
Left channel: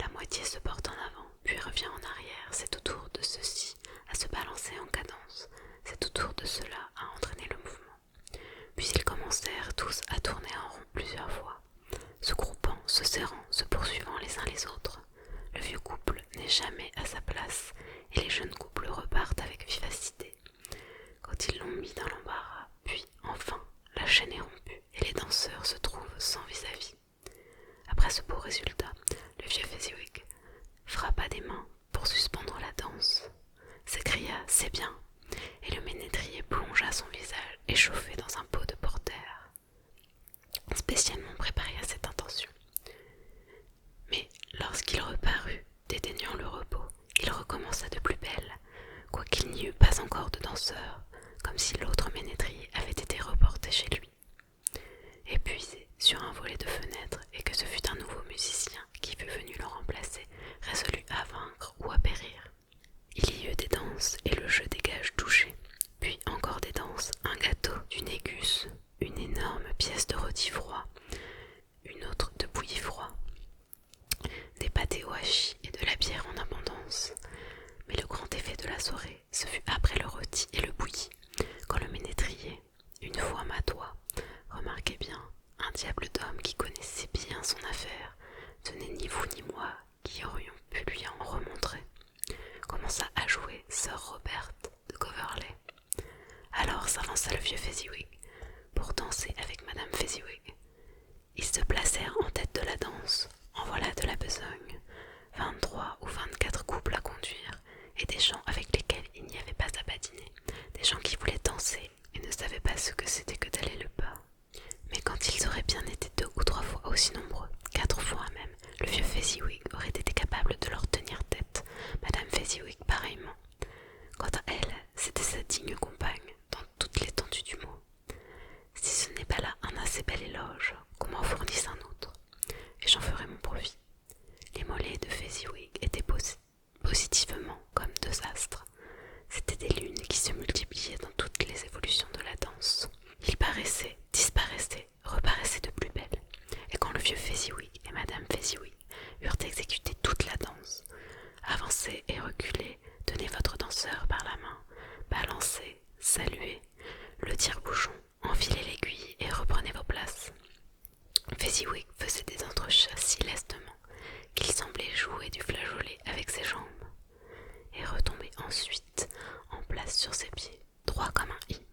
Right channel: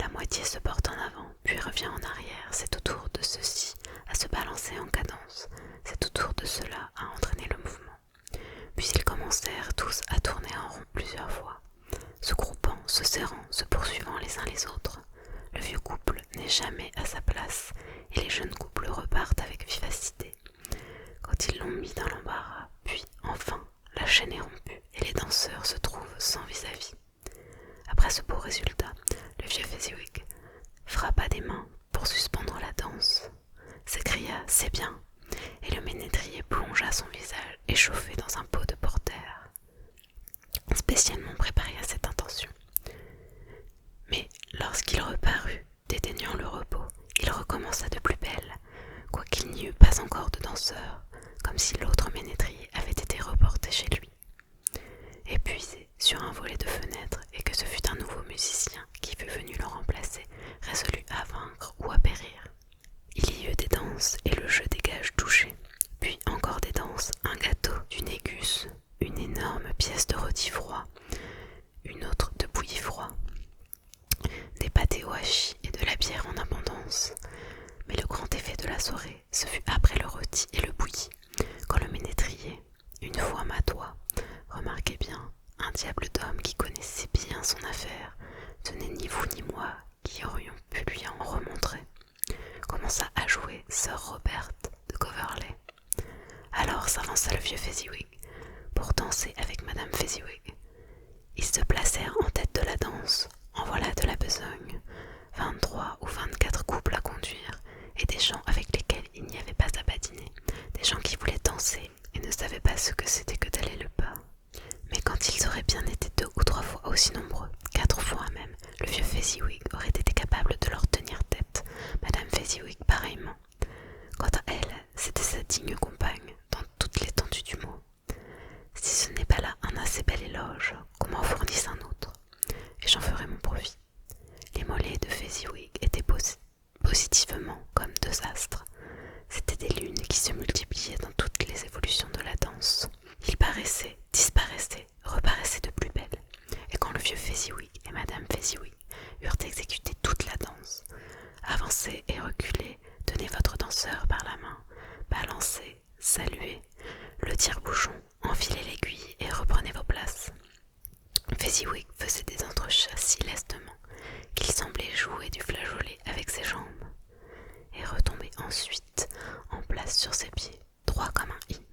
la moitié se porte en avant, puis revient en arrière. C'est au tour de ceux-ci à se balancer en cadence. C'est au tour de ceux-là à entraîner le mouvement. Puis ils commencèrent tous à tourner en rond plusieurs fois, se groupant, se serrant, se poursuivant les uns les autres. Le vieux couple n'est jamais à sa place et les jeunes couples repartent avec vivacité. Quand ils l'ont mis dans l'embarras, puis enfin, la chaîne est rompue et les danseurs se trouvent sans vis-à-vis. Après ce beau résultat, le vieux Fezziwig frappa des mains pour suspendre la danse, s'écria « C'est bien !» et le ménétrier plongea son visage échauffé dans un pot de porter, spécialement préparé à cette intention. Mais lorsqu'il reparut, dédaignant le repos, il recommença de plus belle, quoiqu'il n'y eût pas encore de danseurs, comme si l'autre ménétrier avait été reporté chez lui. Épuisé sur un volet de fenêtre et que ce fût un nouveau musicien qui fût venu le remplacer, résolu à vaincre ou à périr. Il y eut des danses et le jeu des gages touchés, puis encore des danses, un gâteau, du négus, une énorme pièce de rôti froid, une autre de bouilli froid, des pâtés au hachis et de la bière en abondance. Mais le grand effet de la soirée, ce fut après le rôti et le bouilli, quand le ménétrier, une fois madois, remarquez bien, un diable d'homme qui connaissait bien son affaire, ce n'est ni vous ni moi qui aurions pu lui en remontrer, commença à jouer Sir Robert de Coverley. Alors s'avança le vieux Fezziwig pour danser avec Madame Fezziwig. Ils se placèrent en tête de la danse, en voilà de la besogne, 23 ou 24 couples à conduire, et des gens avec lesquels il n'y avait pas à badiner, des gens qui voulaient danser et ne savaient pas ce que c'était que d'aller le pas. Mais quand ils auraient bien été 2 ou 3 fois aussi nombreux, 4 fois même, le vieux Fezziwig aurait été capable de leur tenir tête, Madame Fezziwig pareillement. Quant à elle, c'était sa digne compagne, dans toute l'étendue du mot. Si ce n'est pas là un assez bel éloge, qu'on m'en fournisse un autre, et j'en ferai mon profit. Les mollets de Fezziwig étaient positivement comme 2 astres. C'étaient des lunes qui se multipliaient dans toutes les évolutions de la danse. Ils paraissaient, disparaissaient, reparaissaient de plus belle. Et quand le vieux Fezziwig et Madame Fezziwig eurent exécuté toute la danse, avancez et reculez, tenez votre danseur par la main, balancez, saluez, le tire-bouchon, enfilez l'aiguille et reprenez vos places. Fezziwig faisait des entrechats si lestement qu'il semblait jouer du flageolet avec ses jambes, et retombait ensuite en place sur ses pieds, droit comme un i.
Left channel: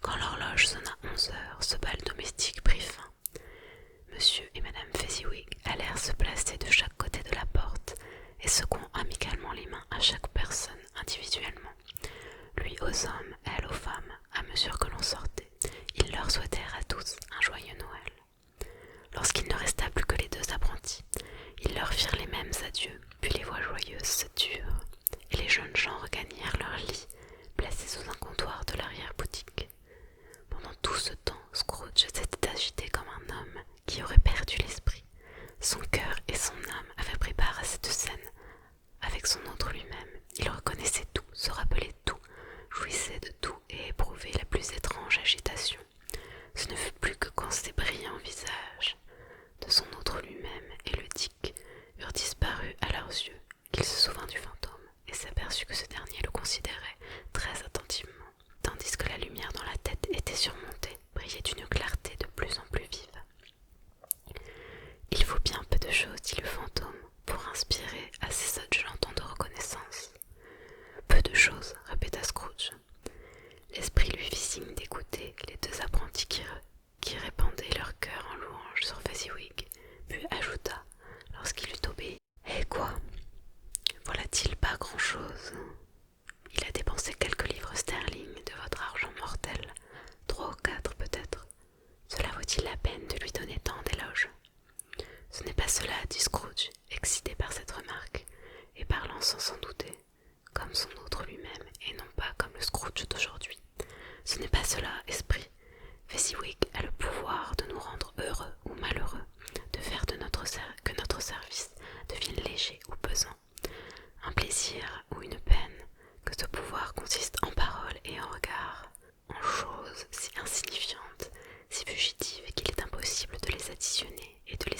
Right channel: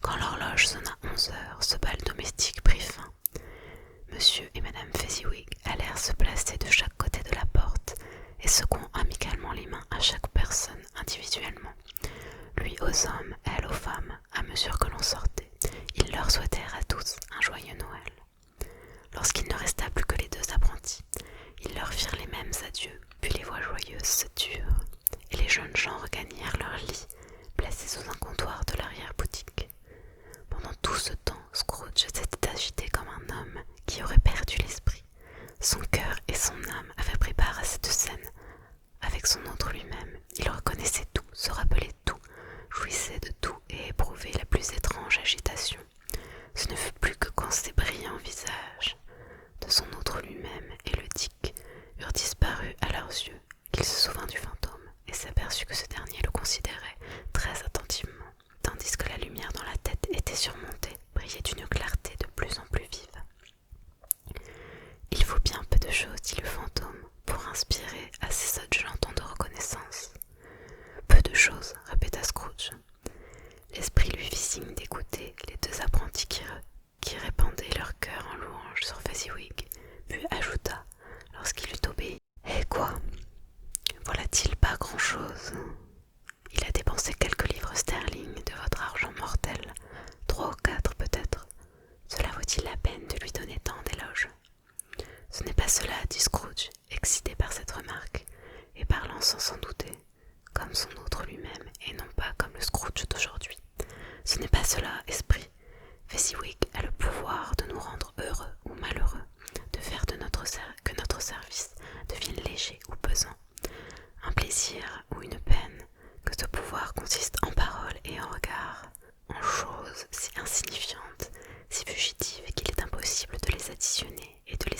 Quand l'horloge sonna 11 heures, ce bal domestique prit fin. Monsieur et Madame Fezziwig allèrent se placer de chaque côté de la porte et secouant amicalement les mains à chaque personne individuellement, lui aux hommes, elle aux femmes, à mesure que l'on sortait, ils leur souhaitèrent à tous un joyeux Noël. Lorsqu'il ne resta plus que les 2 apprentis, ils leur firent les mêmes adieux, puis les voix joyeuses se turent, et les jeunes gens regagnèrent leur lit, placés sous un comptoir de l'arrière-boutique. Pendant tout ce temps, Scrooge s'était agité comme un homme qui aurait perdu l'esprit. Son cœur et son âme avaient pris part à cette scène. Avec son autre lui-même, il reconnaissait tout, se rappelait tout, jouissait de tout et éprouvait la plus étrange agitation. Ce ne fut plus que quand ses brillants visages de son autre lui-même et le Dick eurent disparu à leurs yeux, qu'il se souvint du fantôme et s'aperçut que ce dernier le considérait très attentivement, tandis que la lumière dans la tête était surmontée, brillait d'une clarté de plus en plus vive. Il faut bien peu de choses, dit le fantôme, pour inspirer à ces sottes gens tant de reconnaissance. Peu de choses, répéta Scrooge. L'esprit lui fit signe d'écouter les 2 apprentis qui répandaient leur cœur en louange sur Fezziwig, puis ajouta, lorsqu'il eut obéi, « Eh quoi? Voilà-t-il pas grand-chose? Il a dépensé quelques livres sterling de votre argent mortel, 3 ou 4 peut-être. Cela vaut-il la peine de lui donner tant d'éloges? » Ce n'est pas cela, dit Scrooge, excité par cette remarque, et parlant sans s'en douter, comme son autre lui-même, et non pas comme le Scrooge d'aujourd'hui. Ce n'est pas cela, esprit. Fezziwig a le pouvoir de nous rendre heureux ou malheureux, de faire que notre service devienne léger ou pesant, un plaisir ou une peine, que ce pouvoir consiste en paroles et en regards, en choses si insignifiantes, si fugitives qu'il est impossible de les additionner et de les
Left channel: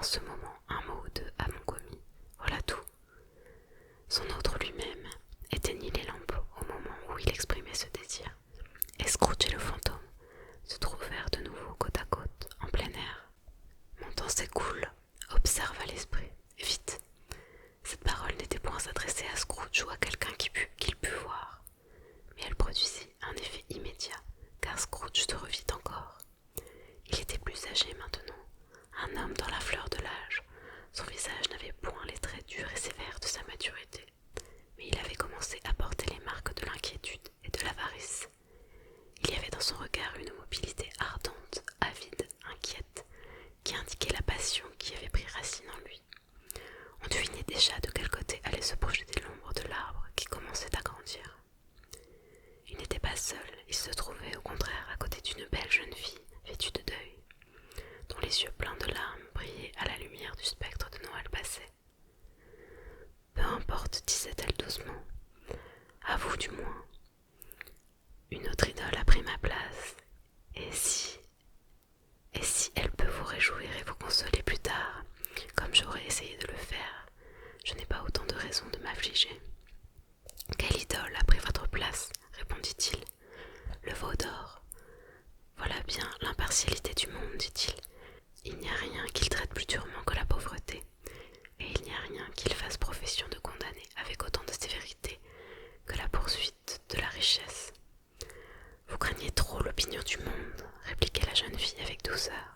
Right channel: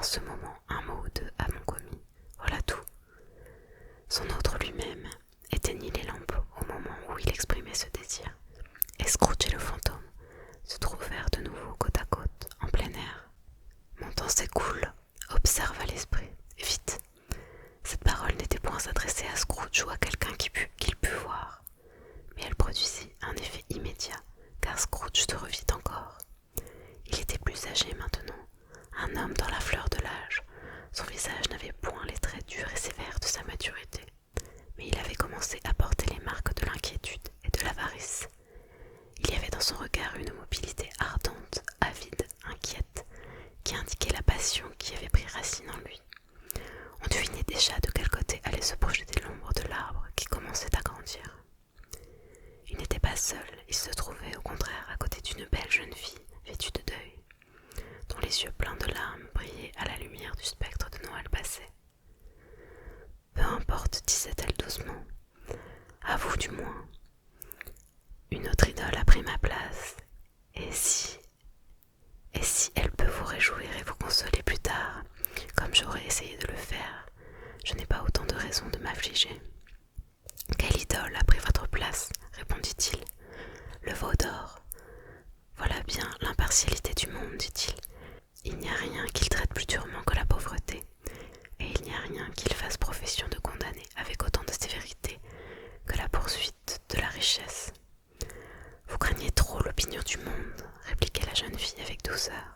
en ce moment un mot ou deux à mon commis. Voilà tout. Son autre lui-même éteignit les lampes au moment où il exprimait ce désir, et Scrooge et le fantôme se trouvèrent de nouveau côte à côte, en plein air. Mon temps s'écoule, observa l'esprit. Vite. Cette parole n'était point adressée à Scrooge ou à quelqu'un qu'il pût voir, mais elle produisit un effet immédiat, car Scrooge se revit encore. Il était plus âgé maintenant, un homme dans la fleur de l'âge. Son visage n'avait point les traits durs et sévères de sa maturité, mais il avait commencé à porter les marques de l'inquiétude et de l'avarice. Il y avait dans son regard une mobilité ardente, avide, inquiète, qui indiquait la passion qui avait pris racine en lui. On devinait déjà de quel côté allait se projeter l'ombre de l'arbre qui commençait à grandir. Il n'était pas seul, il se trouvait au contraire à côté d'une belle jeune fille vêtue de deuil, dont les yeux pleins de larmes brillaient à la lumière du spectre de Noël passé. Peu importe, disait-elle doucement, à vous du moins. Une autre idole a pris ma place, et si elle peut vous réjouir et vous consoler plus tard, comme j'aurais essayé de le faire, je n'ai pas autant de raisons de m'affliger. Quelle idole a pris votre place, répondit-il. Le veau d'or. Voilà bien l'impartialité du monde, dit-il. Il n'y a rien qu'il traite plus durement que la pauvreté, et il n'y a rien qu'il fasse profession de condamner avec autant de sévérité que la poursuite de la richesse. Vous craignez trop l'opinion du monde, répliquait la jeune fille avec douceur.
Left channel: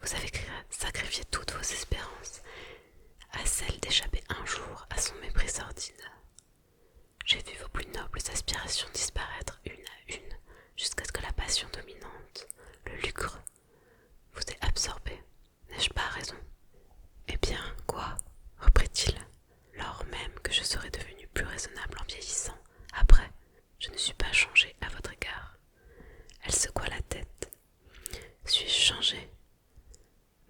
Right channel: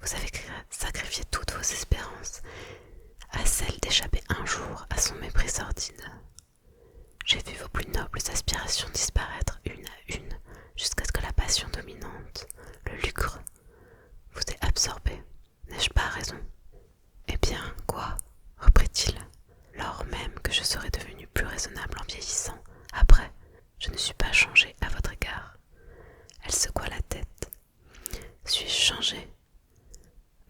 Vous avez sacrifié toutes vos espérances à celle d'échapper un jour à son mépris sordide. J'ai vu vos plus nobles aspirations disparaître une à une jusqu'à ce que la passion dominante, le lucre, vous ait absorbé. N'ai-je pas raison? Eh bien, quoi? Reprit-il, lors même que je serai devenu plus raisonnable en vieillissant. Après, je ne suis pas changé à votre égard. Elle secoua la tête. Suis-je changé?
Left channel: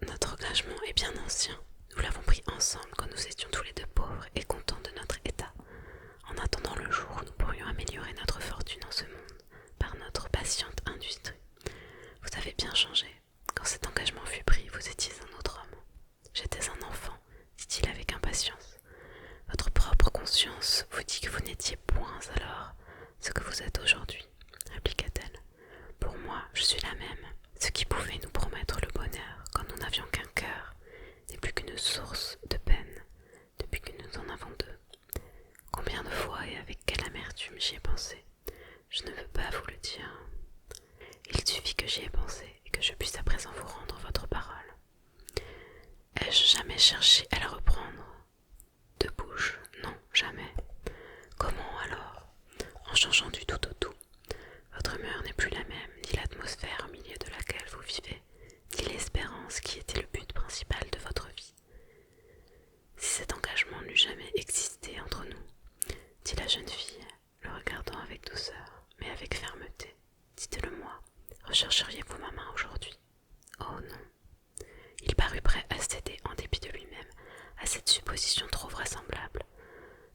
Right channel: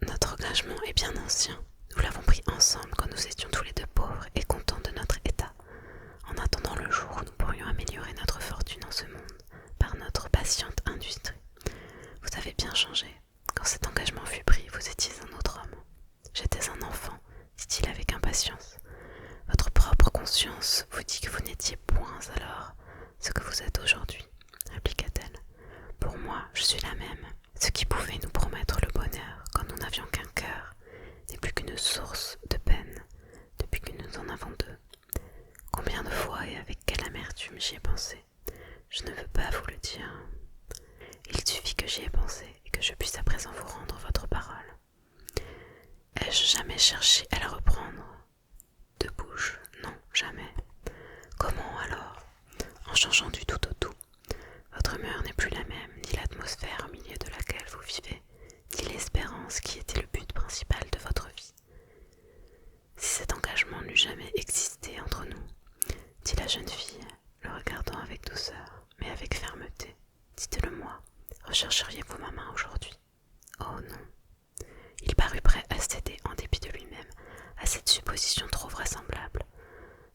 Notre engagement est bien ancien. Nous l'avons pris ensemble quand nous étions tous les deux pauvres et contents de notre état, en attendant le jour où nous pourrions améliorer notre fortune en ce monde par notre patiente industrie. Vous avez bien changé. Quand cet engagement fut pris, vous étiez un autre homme. J'étais un enfant, dit-il avec impatience. Votre propre conscience vous dit que vous n'étiez point alors ce que vous êtes aujourd'hui, répliqua-t-elle. Pour moi, je suis la même. Ce qui pouvait nous promettre le bonheur quand nous n'avions qu'un cœur n'est plus qu'une source de peine depuis que nous en avons deux. Combien de fois et avec quelle amertume j'y ai pensé. Je ne veux pas vous le dire. Il suffit que j'y ai pensé et que je puisse à présent vous rendre votre parole. Ai-je jamais cherché à la reprendre? De bouche, non, jamais. Comment alors? En changeant du tout au tout. Votre humeur n'est plus la même, ni l'atmosphère au milieu de laquelle vous vivez, ni l'espérance qui était le but principal de votre vie. Si cet engagement n'eût jamais existé entre nous, dit la jeune fille, le regardant avec douceur, mais avec fermeté, dites-le-moi, rechercheriez-vous ma main aujourd'hui? Oh non. Il parut prêt à céder en dépit de lui-même à cette supposition trop vraisemblable.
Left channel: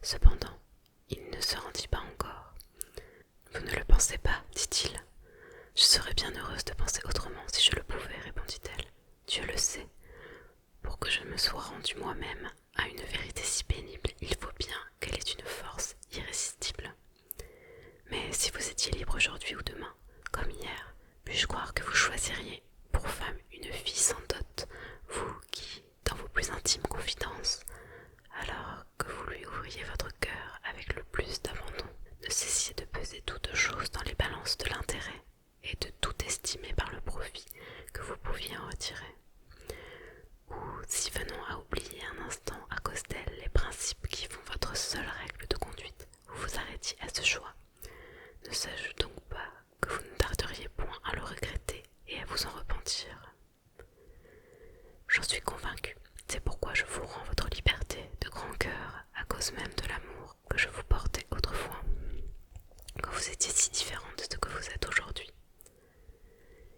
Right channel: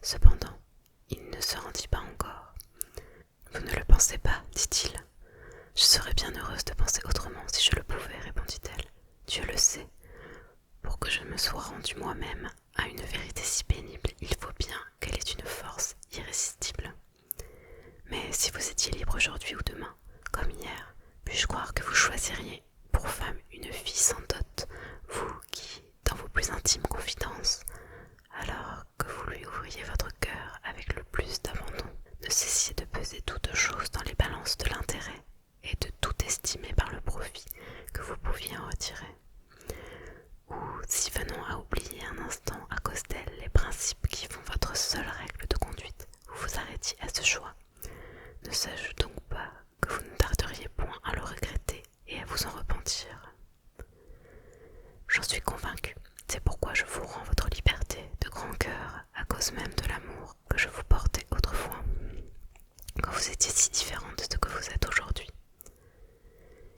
Cependant, il ne se rendit pas encore. Vous ne le pensez pas, dit-il. Je serais bien heureuse de penser autrement si je le pouvais, répondit-elle. Dieu le sait. Pour que je me sois rendue moi-même à une vérité si pénible, il faut bien qu'elle ait une force irrésistible. Mais si vous étiez libre aujourd'hui ou demain, comme hier, puis-je croire que vous choisiriez pour femme une fille sans dot, vous qui, dans vos plus intimes confidences, alors que vous lui ouvriez votre cœur avec le plus d'abandon, ne cessiez de peser toutes choses dans les balances de l'intérêt et de tout estimer par le profit que vous pouviez en retirer. Ou si venons à oublier un instant à cause d'elle les principes qui font votre seule règle de conduite, vous vous arrêtiez à ce choix. Ne sais-je donc pas que vous ne tarderiez point à le regretter et à vous en repentir? J'en suis convaincue, c'est pourquoi je vous rends votre liberté de grand cœur à cause même de l'amour que je vous portais autrefois, quand vous étiez si différente de ce que vous êtes aujourd'hui.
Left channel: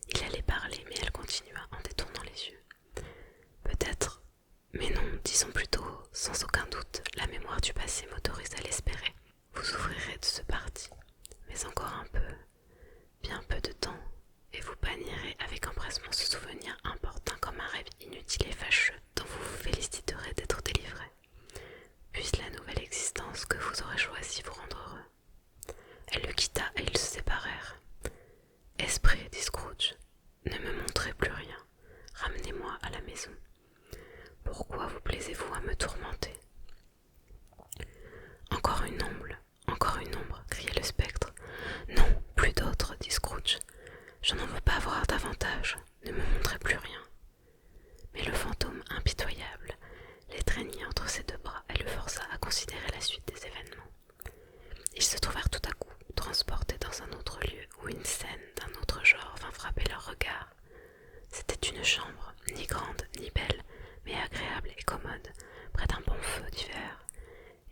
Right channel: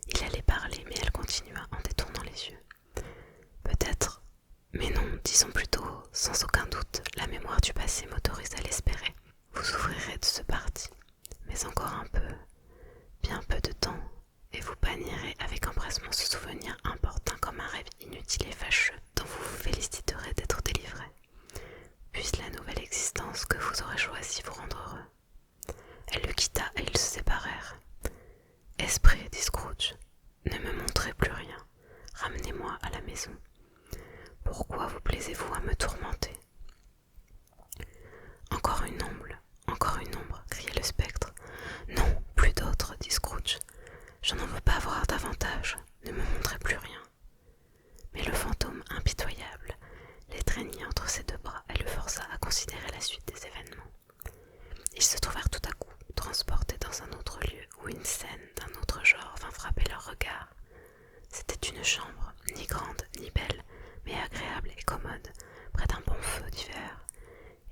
Il allait parler, mais elle continua en détournant les yeux. Peut-être, mais non, disons plutôt, sans aucun doute, la mémoire du passé m'autorise à l'espérer. Vous ouvrirez de ce parti, mais encore un peu, bien peu de temps, et vous bannirez avec empressement ce souvenir importun comme un rêve inutile et fâcheux dont vous maison. Pourquoi vous plaisez-vous à me tourmenter ? Encore une ombre, criait le spectre. Non, plus d'autres, dit Scrooge. Je n'en veux pas voir davantage, ne me montrez plus rien. Mais le fantôme impitoyable l'étreignit entre ses deux bras et le força à considérer la suite des événements. Ils se trouvèrent tout à coup transportés dans un autre lieu où une scène d'un autre genre vint frapper leur regard. C'était une chambre, ni grande ni belle, mais agréable et commode, près d'un bon feu d'hiver,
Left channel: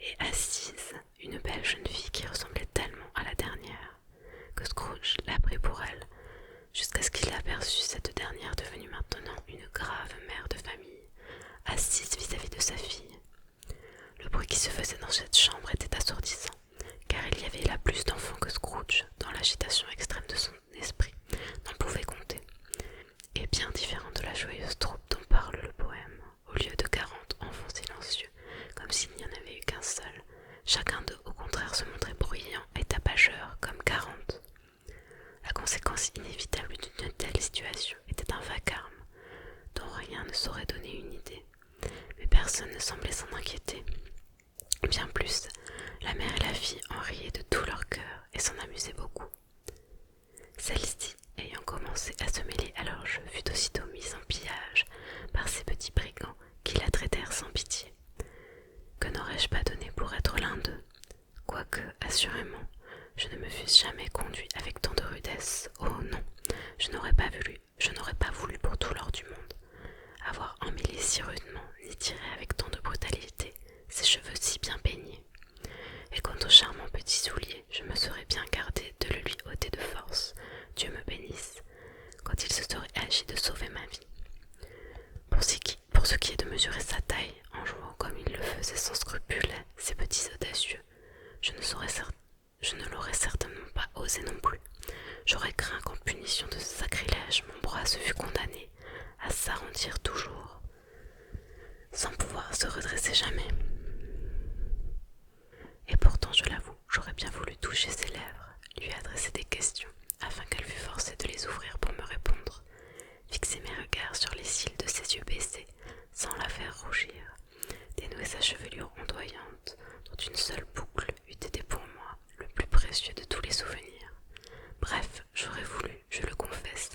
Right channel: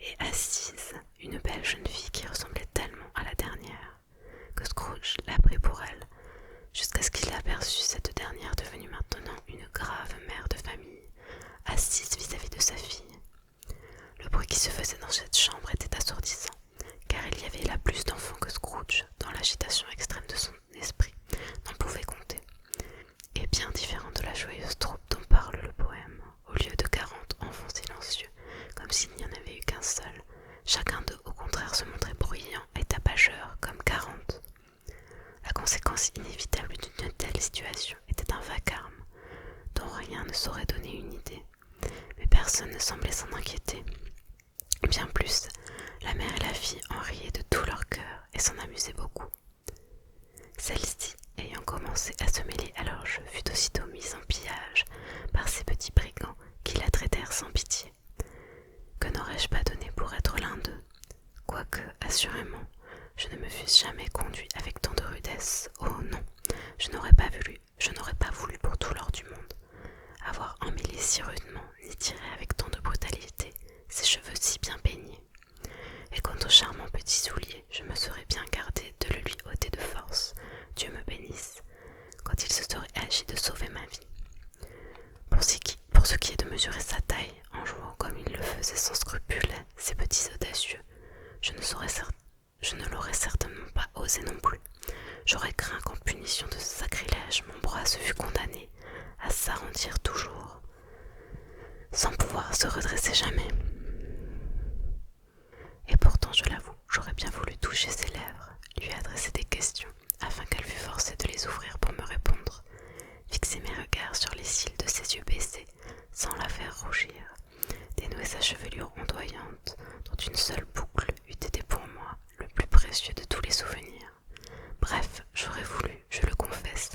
et assise une belle jeune fille qui ressemblait tellement à la dernière que Scrooge la prit pour elle, jusqu'à ce qu'il aperçût cette dernière devenue maintenant une grave mère de famille, assise vis-à-vis de sa fille. Le bruit qui se faisait dans cette chambre était assourdissant, car il y avait là plus d'enfants que Scrooge, dans l'agitation extrême de son esprit, n'en pouvait compter, et bien différent de la joyeuse troupe dont parle le poème. Au lieu de 40 enfants silencieux, comme s'il n'y en avait eu qu'un seul, chacun d'eux au contraire se montrait bruyant et tapageur comme 40. La conséquence inévitable d'une telle situation était un vacarme, dont rien ne saurait donner une idée, mais personne ne semblait s'en inquiéter. Bien plus, la mère et la fille en riaient de tout leur cœur et s'en amusaient beaucoup. Celle-ci, ayant commencé à se mêler à leur jeu, fut aussitôt mise en pillage par ces petits brigands qui la traitèrent sans pitié. Que n'aurais-je pas donné pour être l'un d'eux, quoique, assurément, je ne me fusse jamais conduit avec tant de rudesse. Oh non, je n'aurais pas voulu pour tout l'or du monde avoir emmêlé si rudement, ni tiré avec tant de brutalité ses cheveux si bien peignés. Et quant au charmant petit soulier, je me serais bien gardé de le lui ôter de force, Dieu me bénisse, quand il se serait agi de sauver ma vie. Pour ce qui est de mesurer sa taille, en jouant comme il le faisait sans scrupule, ces petits audacieux, je ne l'aurais certainement pas osé non plus. J'aurais craint qu'en punition de ce sacrilège, mon bras se fût condamné à s'arrondir toujours, sans pouvoir se redresser jamais. Et pourtant, je l'avoue, j'aurais bien voulu toucher ses lèvres, lui adresser des questions, afin qu'elle fût forcée de les ouvrir pour me répondre, fixer mes regards sur les cils de ses yeux baissés, sans la faire rougir, dénouer sa chevelure ondoyante, dont une seule boucle eût été pour moi le plus précieux de tous les souvenirs. Bref, j'aurais voulu, je le confesse,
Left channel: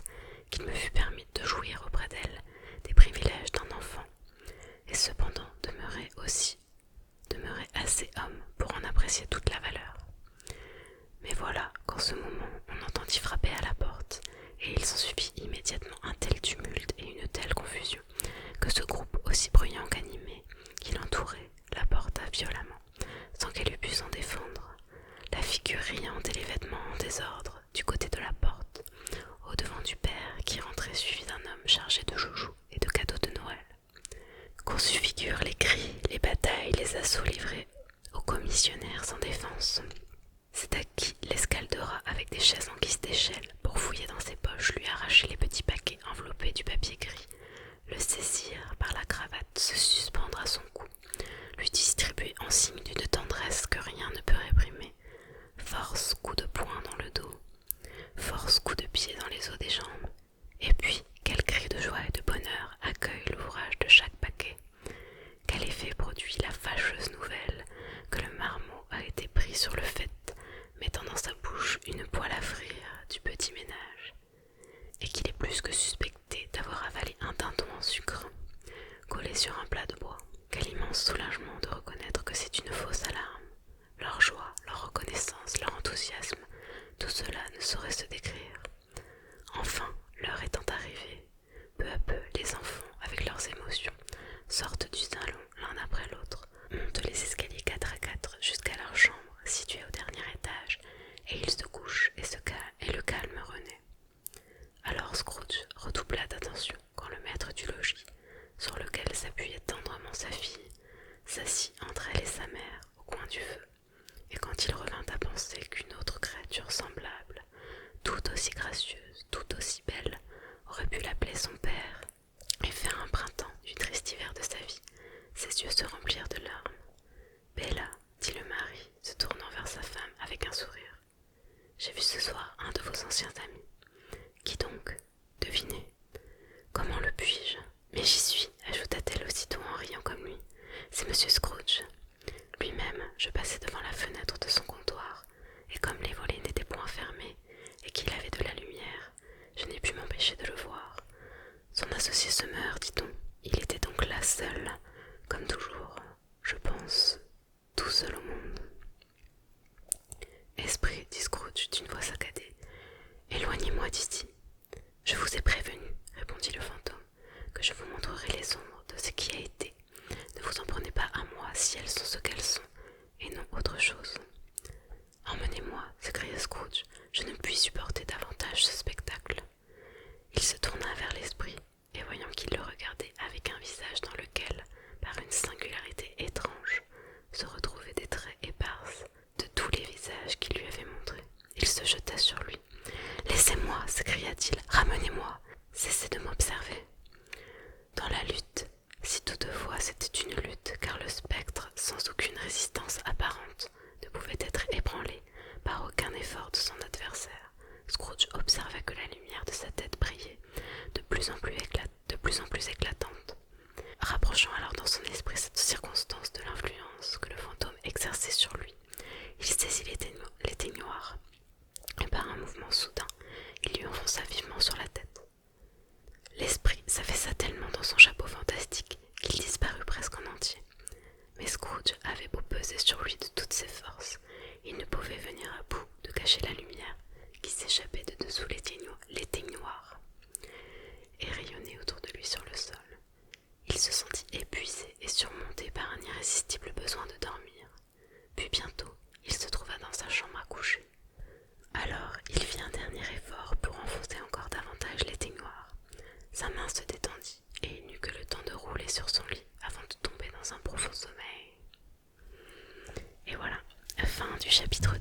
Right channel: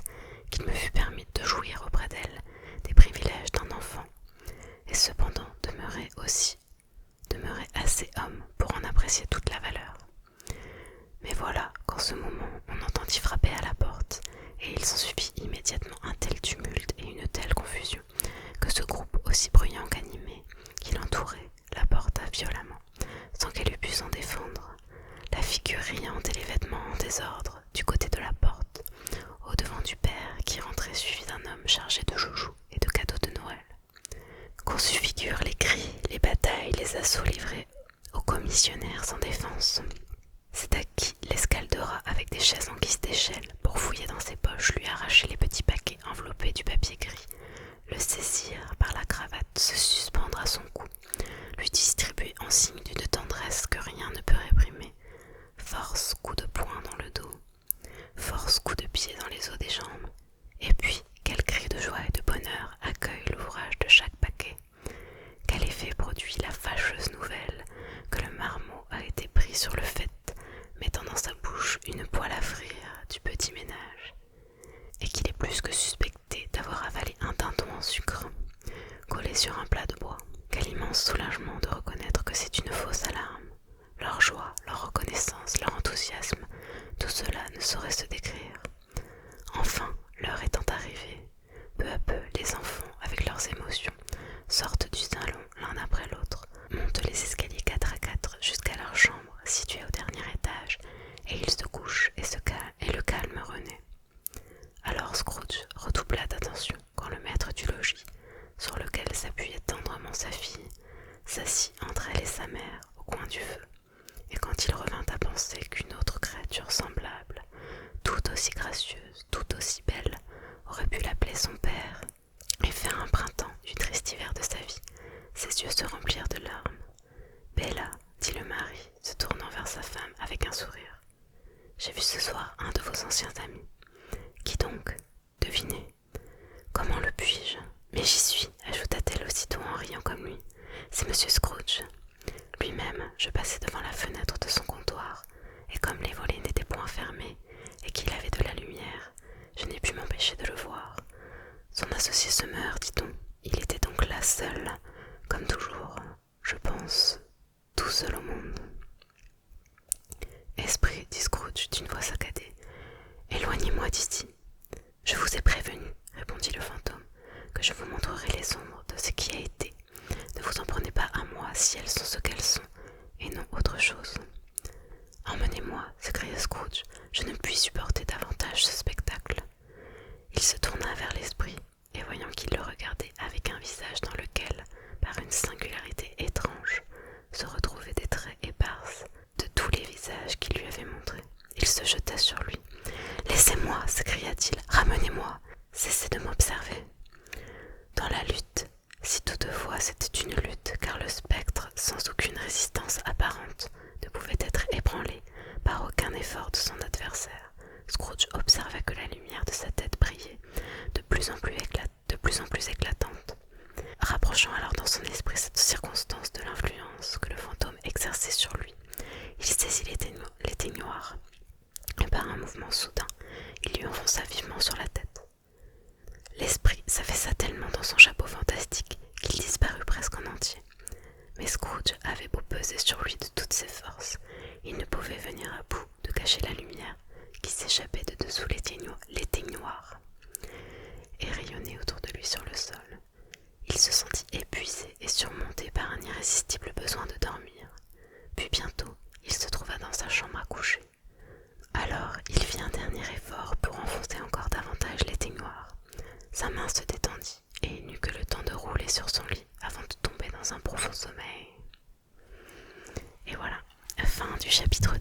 qu'il me fût permis de jouir auprès d'elle des privilèges d'un enfant, et cependant demeurer assez homme pour en apprécier toute la valeur. Mais voilà qu'en ce moment on entendit frapper à la porte, et il s'ensuivit immédiatement un tel tumulte et une telle confusion, que ce groupe aussi bruyant qu'animé, qui l'entourait, la porta violemment, sans qu'elle eût pu s'en défendre, la figure riante et les vêtements en désordre, du côté de la porte, au devant du père qui rentrait suivi d'un homme chargé de joujoux et de cadeaux de Noël. Qu'on se figure les cris, les batailles, les assauts livrés aux commissionnaires sans défense. C'est à qui l'escaldera avec des chaises en guise d'échelle pour fouiller dans ses poches, lui arracher les petits paquets enveloppés du papier gris, le saisir par la cravate, se suspendre à son cou, lui distribuer en signe d'une tendresse que rien ne peut réprimer, force coups de poing dans le dos, force coups de pied dans les os des jambes, et puis quel cri de joie et de bonheur accueille l'ouvrage de chaque paquet. Quel effet produit la fâcheuse nouvelle que le marmot a été pris sur le fait, mettant dans sa bouche une poêle à frire du petit ménage, et qu'il est plus que suspecté d'avoir avalé un dindon en sucre, collé sur un plat de bois. Quel immense soulagement de reconnaître que c'est une fausse alarme. Leur joie, leur reconnaissance, leur enthousiasme, tout cela ne saurait se décrire. Enfin, l'heure étant arrivée, peu à peu, les enfants, avec leurs émotions, sortent du salon l'un après l'autre, montent les escaliers 4 à 4 jusqu'à leur chambre située au dernier étage, et ils se couchent et le calme renaît. Alors Scrooge redoubla d'attention quand le maître du logis, sur lequel s'appuyait tendrement sa fille, s'assit entre elle et sa mère au coin du feu, et quand il revint à penser qu'une autre créature semblable, tout aussi gracieuse, tout aussi belle, aurait pu l'appeler son père et faire un printemps du triste hiver de sa vie, ses yeux se remplirent de larmes. « Bella, dit le mari, se tournant vers sa femme avec un sourire, j'ai vu ce soir un de vos anciens amis. Qui donc ? Devinez. Comment le puis-je ? Mais j'y suis seul, comme toujours, je pense, tout seul au monde. Esprit, dit Scrooge d'une voix saccadée, éloignez-moi d'ici. Je vous ai prévenu, répondit le fantôme, que je vous montrerai les ombres de ce qui a été. Ne vous en prenez pas à moi si elles sont ce qu'elles sont, et non autre chose. Emmenez-moi, s'écria Scrooge, je ne puis supporter davantage ce spectacle. Il se tourna vers l'esprit, et voyant qu'il le regardait avec un visage dans lequel, par une singularité étrange, se retrouvaient des traits épars de tous les visages qu'il lui avait montrés, il se jeta sur lui. « Laissez-moi » s'écria-t-il, « ramenez-moi, cessez de m'observer. » Dans la lutte, si toutefois c'était une lutte, car le spectre, sans aucune résistance apparente, ne pouvait être ébranlé par aucun effort de son adversaire, Scrooge observa que la lumière de sa tête brillait de plus en plus éclatante. Rapprochant alors dans son esprit cette circonstance de l'influence que le fantôme exerçait sur lui, il saisit l'éteignoir, et par un mouvement soudain, il lui enfonça vivement sur la tête. L'esprit s'affaissa tellement dans son chapeau fantastique qu'il disparut presque en entier. Mais Scrooge avait beau peser sur lui de toutes ses forces, il ne pouvait venir à bout de cacher la lumière qui s'échappait de dessous l'éteignoir et rayonnait autour de lui sur le sol. Il se sentit épuisé et surmonté par un irrésistible besoin de dormir. Puis bientôt, il se trouva dans sa chambre à coucher. Alors, il fit un dernier effort pour enfoncer encore davantage l'éteignoir. Sa main se détendit et il n'eut que le temps de rouler sur son lit avant de tomber dans un profond sommeil. Et voilà, fin du chapitre